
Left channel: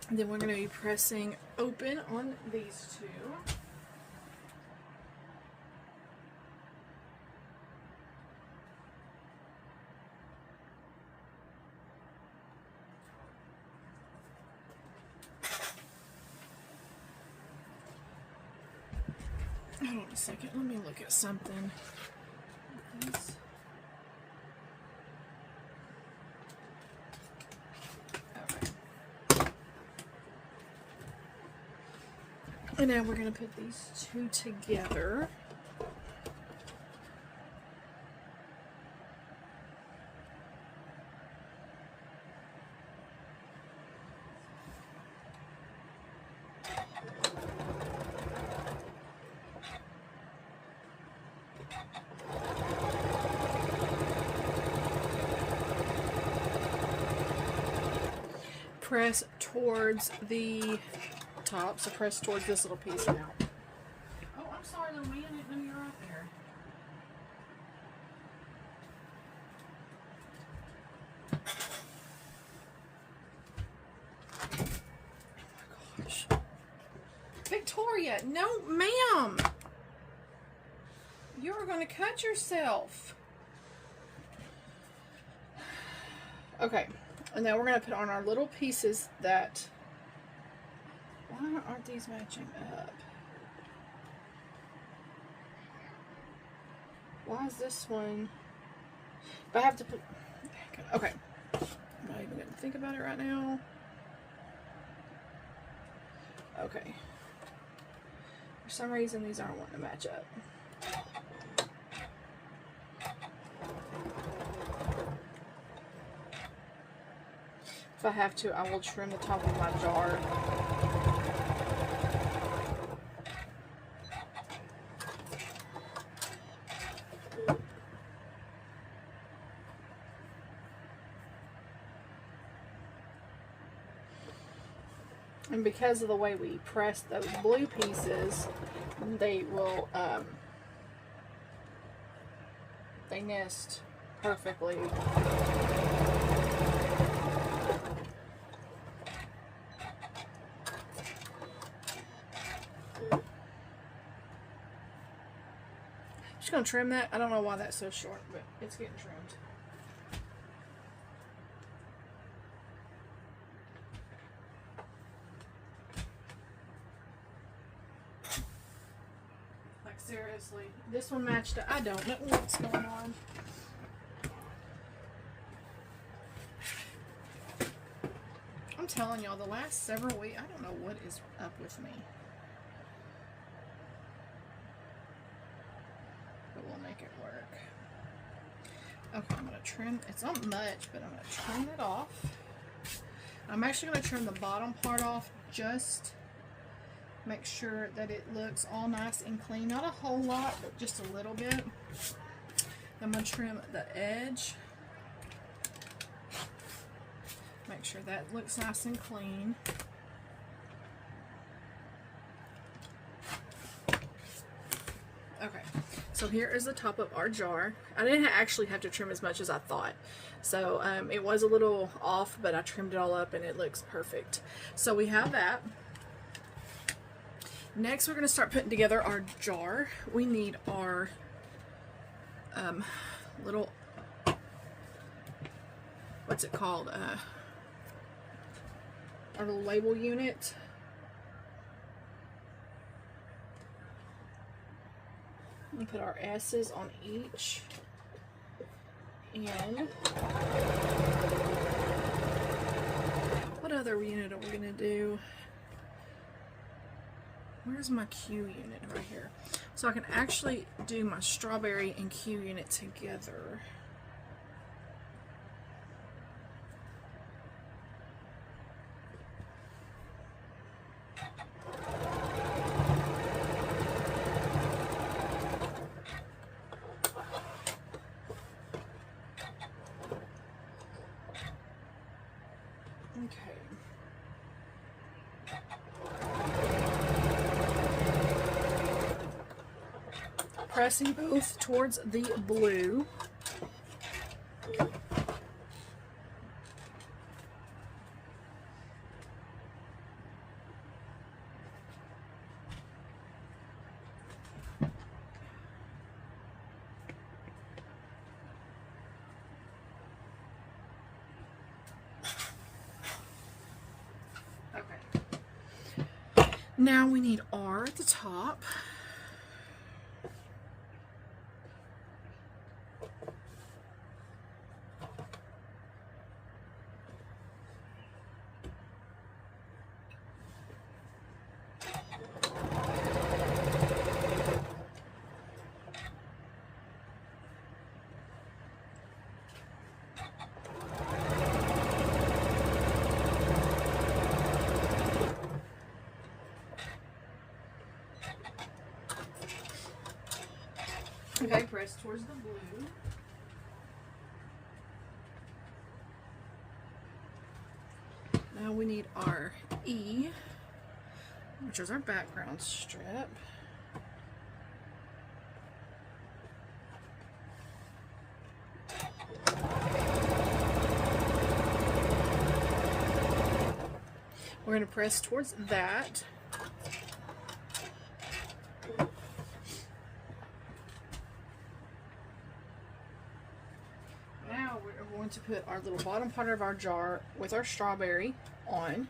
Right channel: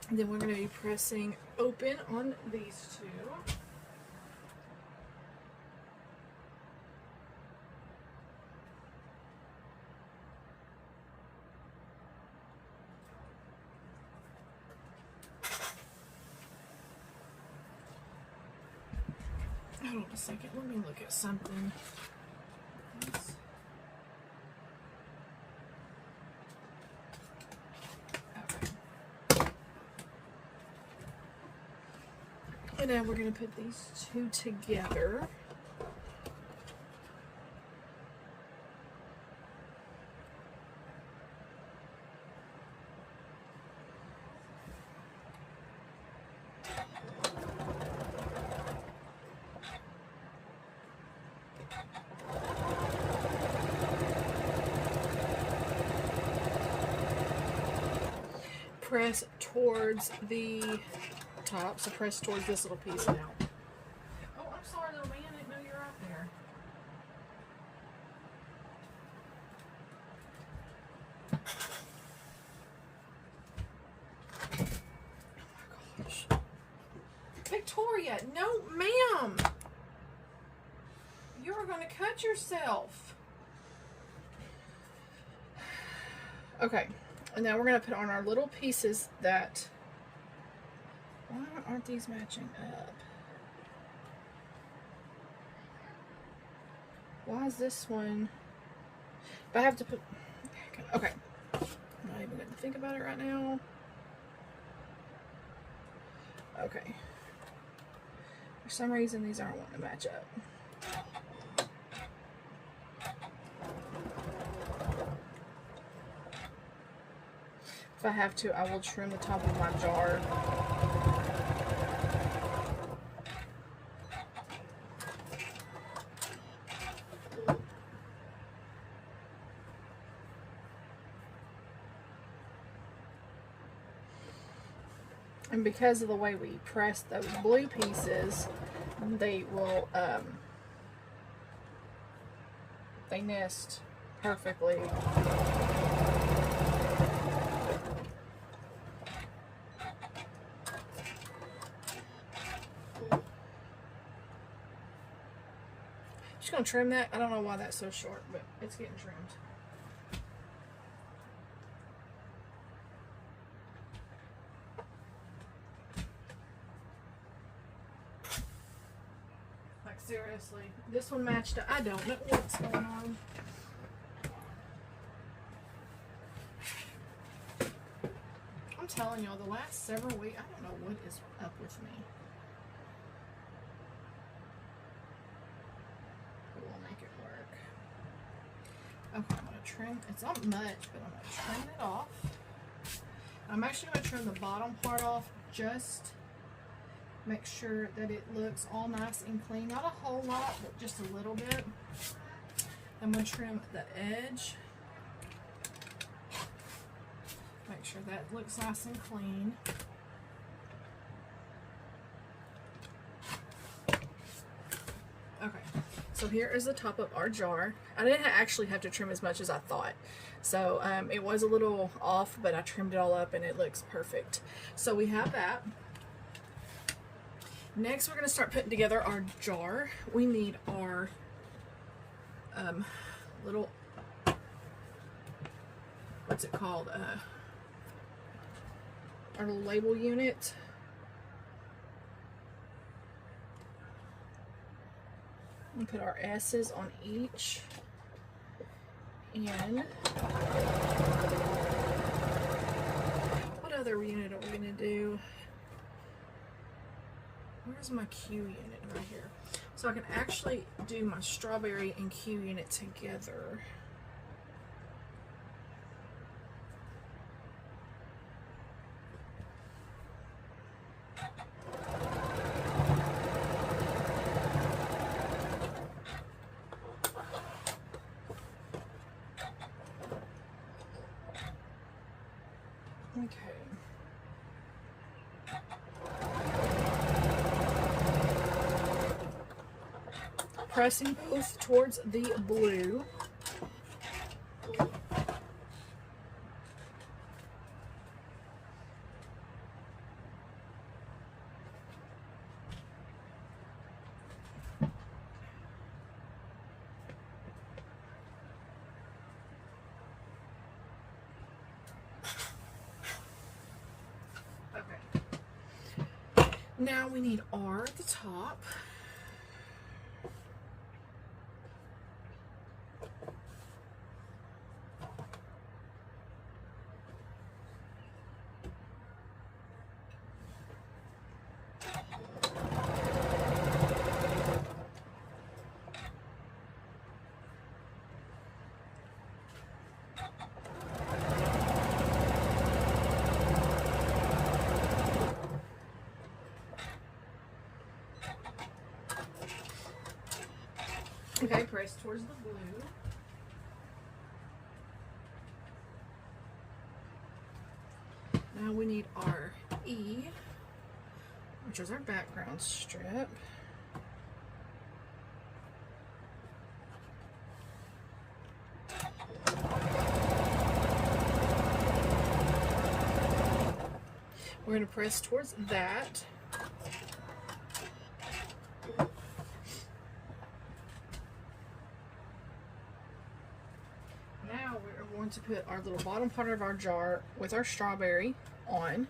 And then we're going to be pressing open on these two. Hold on a second, let me look at something. And now we're going to put these two together. press towards the top. So press towards this little piece now. Oh, I'm sorry, little man. I didn't know you were out there. Oh my gosh. Victoria, no, ma'am. You're going to cut yourself. Okay, and now we're going to put on our little pieces that... Why aren't these matching up? Why is this one... If I have to put... Okay. I'm not even going to think about it right now. Okay. For some reason, these aren't wanting to match up. If I have to, I will trim the top of my jar. And because of the way we press those blue pieces, they will, they nest perfectly. Just gonna trim that. I don't know why that's so short, but it's getting trimmed. Like seriously, this one matched up. I don't know what's going on. I'm telling y'all, the last several weeks, I don't know what is up with me. Okay, I'm going to trim, it's not much, but I'm going to trim it off. I'm actually going to trim the bottom part off, just make sure that it looks all nice and clean. Not a whole lot, but just a little bit. I'm going to trim the edge. Make sure that looks nice and clean. Okay. So here is the top of our jar. I didn't actually have to trim as much as I thought. So it was a little off, but I trimmed it all up and it looks perfect. So we have that. Next, we're going to start putting together our jar. We need our little, what's it called? Our little label unit. We put our S's on each, and what other unit are we going to do? Where's my Q unit? Right here. So I can actually do my strawberry and Q unit together. Okay. Pressing both towards the blue. Now we need R at the top. Okay, press towards the blue. Now we need our E, which is our background strip. We're going to press towards that. Now we're going to put our little bottom part of our jar with our strawberry on.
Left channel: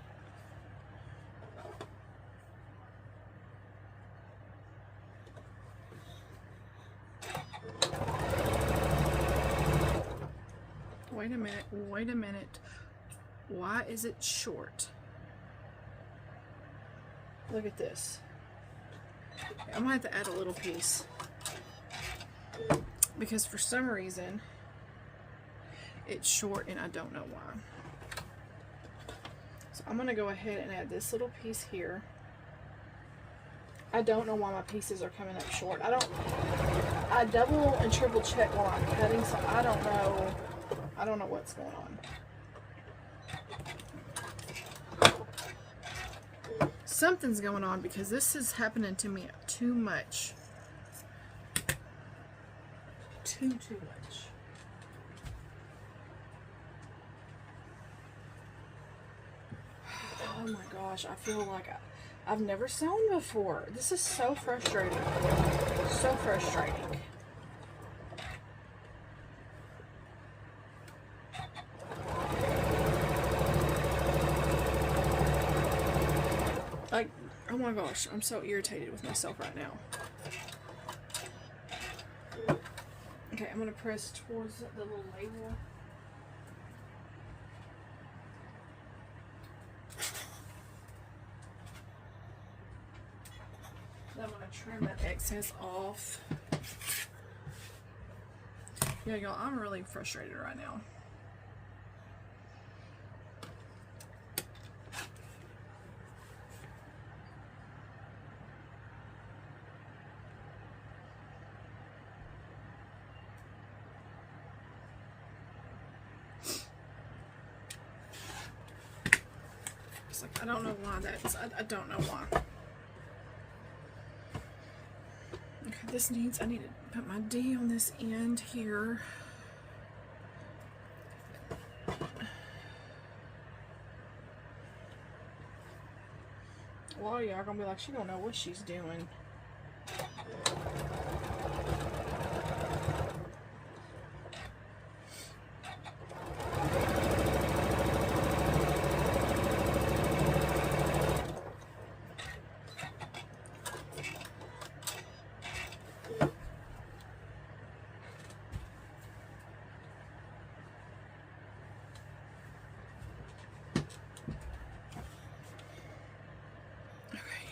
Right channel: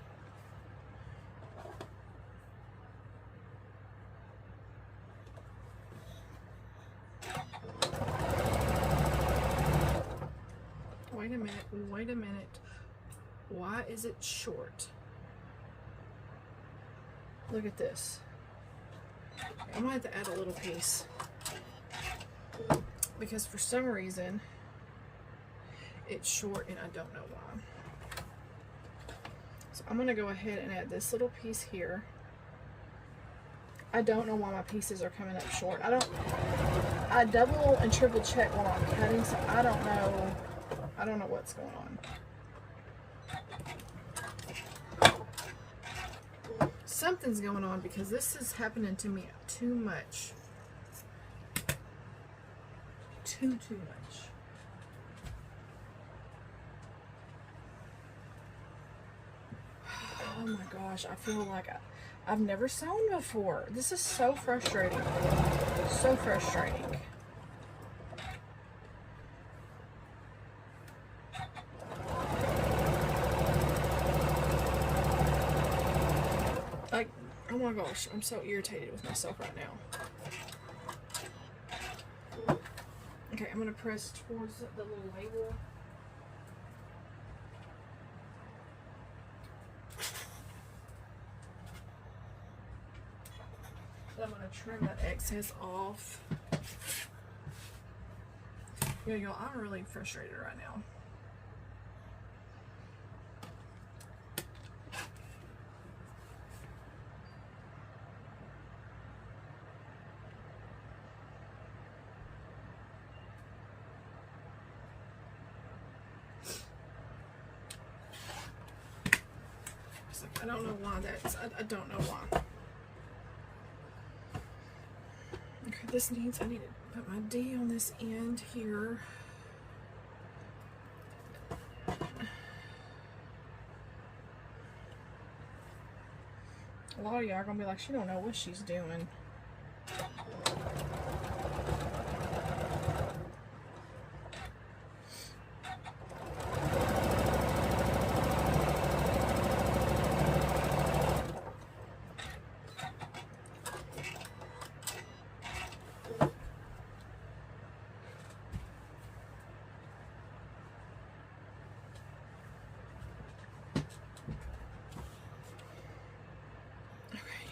Wait a minute, wait a minute. Why is it short? Look at this. I might have to add a little piece because for some reason it's short and I don't know why. So I'm going to go ahead and add this little piece here. I don't know why my pieces are coming up short. I double and triple check while I'm cutting, so I don't know what's going on. Something's going on because this is happening to me too much. Too much. Oh my gosh, I feel like I've never sewn before. This is so frustrating. So frustrating. Like, oh my gosh, I'm so irritated with myself right now. Okay, I'm going to press towards the little label. Then I'm going to trim that excess off. Yeah, y'all, I'm really frustrated right now. I don't know why that's, I don't know why. Okay, this needs, I need to put my D on this end here. A lot of y'all are gonna be like, she don't know what she's doing.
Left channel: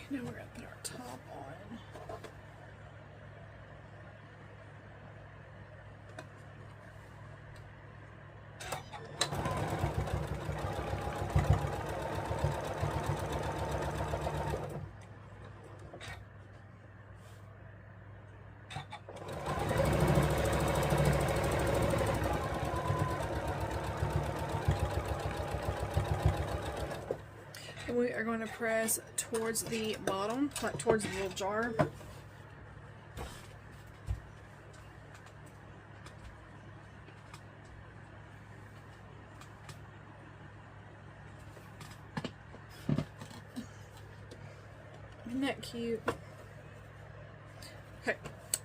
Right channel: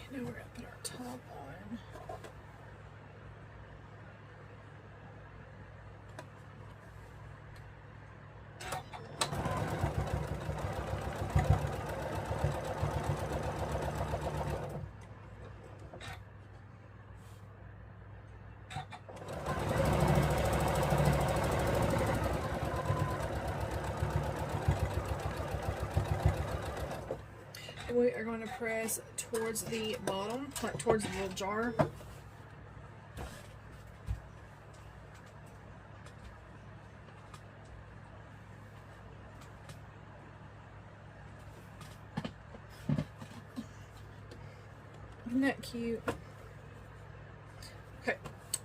Now we're going to put our top on. We are going to press towards the bottom, like towards the little jar. Isn't that cute? Okay,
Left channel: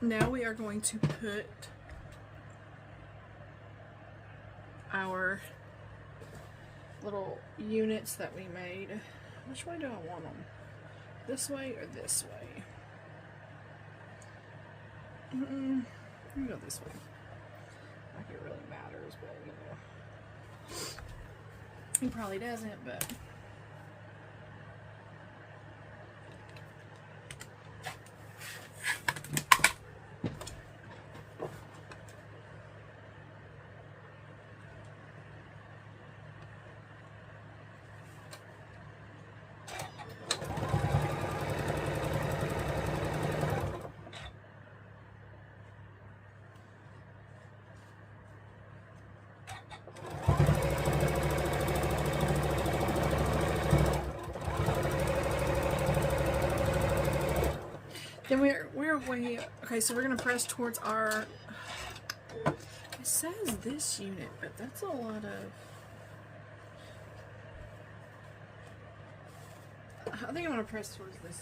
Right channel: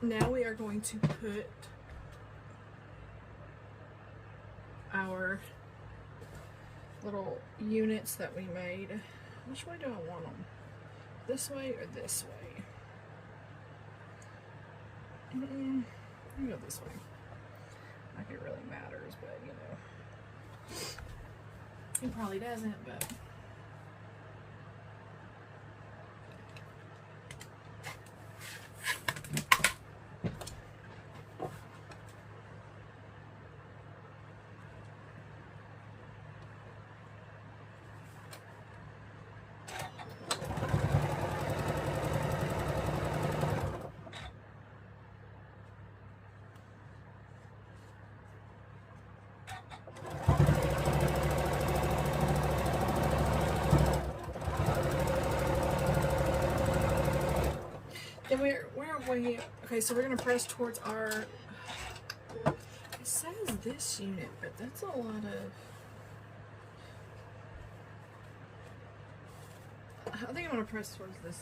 now we are going to put our little units that we made. Which way do I want them? This way or this way? I'm gonna go this way. Like it really matters, but you know. It probably doesn't, but. Then we're way, okay, so we're going to press towards our, it says this unit, but that's a lot of, I think I'm going to press towards this,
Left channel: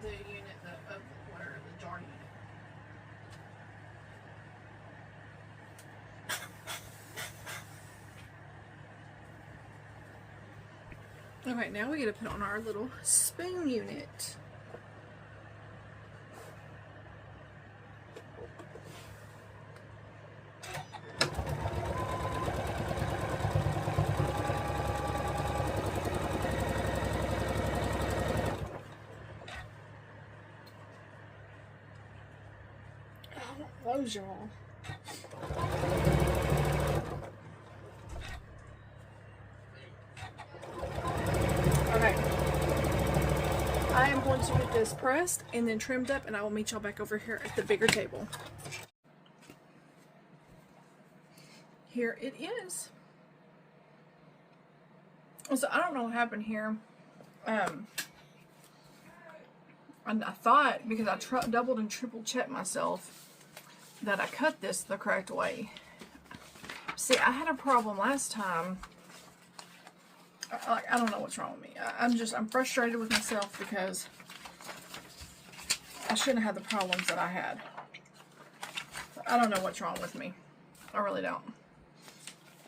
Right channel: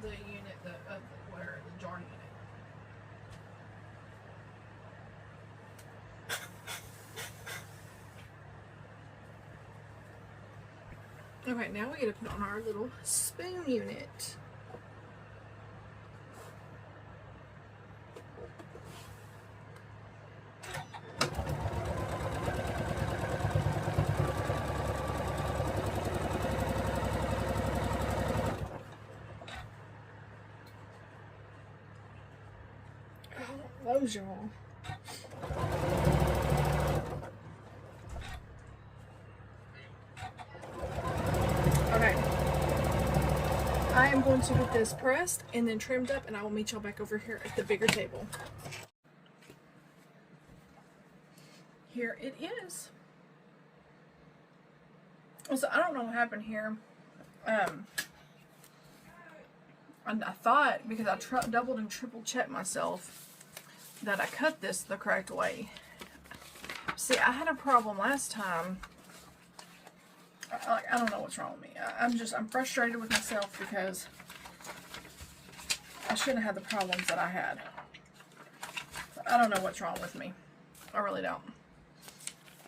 the unit of where the jar unit. Okay, now we get to put on our little spoon unit. Close y'all. Okay. I am going to get this pressed and then trimmed up, and I will meet y'all back over here at the bigger table. Here it is. So I don't know what happened here. And I thought, because I doubled and triple checked myself, that I cut this the correct way. See, I had a problem last time. I don't know what's wrong with me. I'm frustrated with myself because I shouldn't have had the problems that I had. I don't know what's wrong with me. I really don't.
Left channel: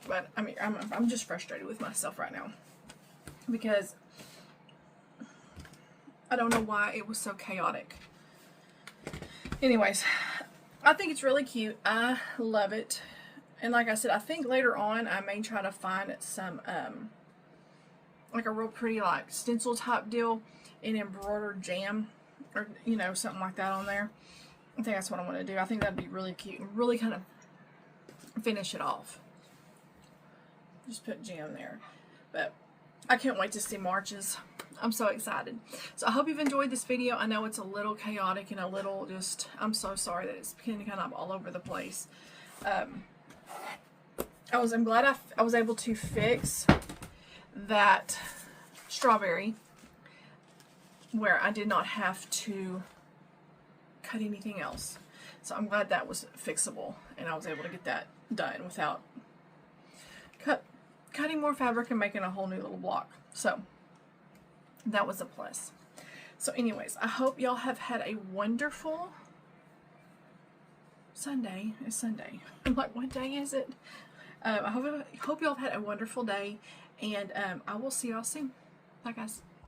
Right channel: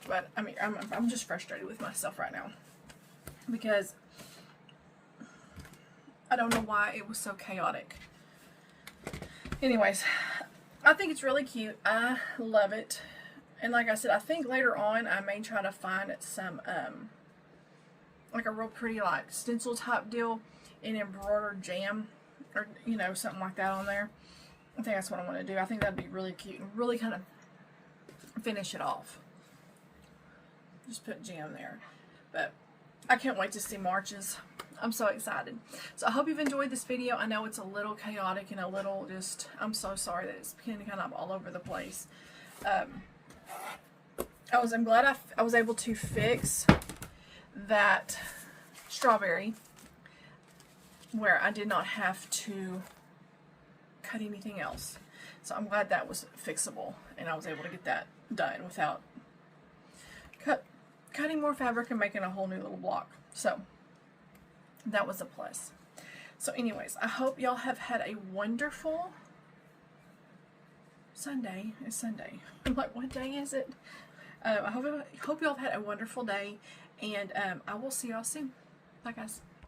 But I mean, I'm just frustrated with myself right now because I don't know why it was so chaotic. Anyways, I think it's really cute. I love it. And like I said, I think later on I may try to find some like a real pretty like stencil type deal in embroidered jam, or you know, something like that on there. I think that's what I want to do. I think that'd be really cute and really kind of finish it off. Just put jam there. But I can't wait to see March's. I'm so excited. So I hope you've enjoyed this video. I know it's a little chaotic and a little just, I'm so sorry that it's been kind of all over the place. I'm glad I was able to fix that strawberry where I did not have to cut anything else. So I'm glad that was fixable and I was able to get that done without cutting more fabric and making a whole new little block. So that was a plus. So anyways, I hope y'all have had a wonderful Sunday. It's Sunday. I'm like, what day is it? I hope y'all have had a wonderful day, and I will see y'all soon. Bye guys.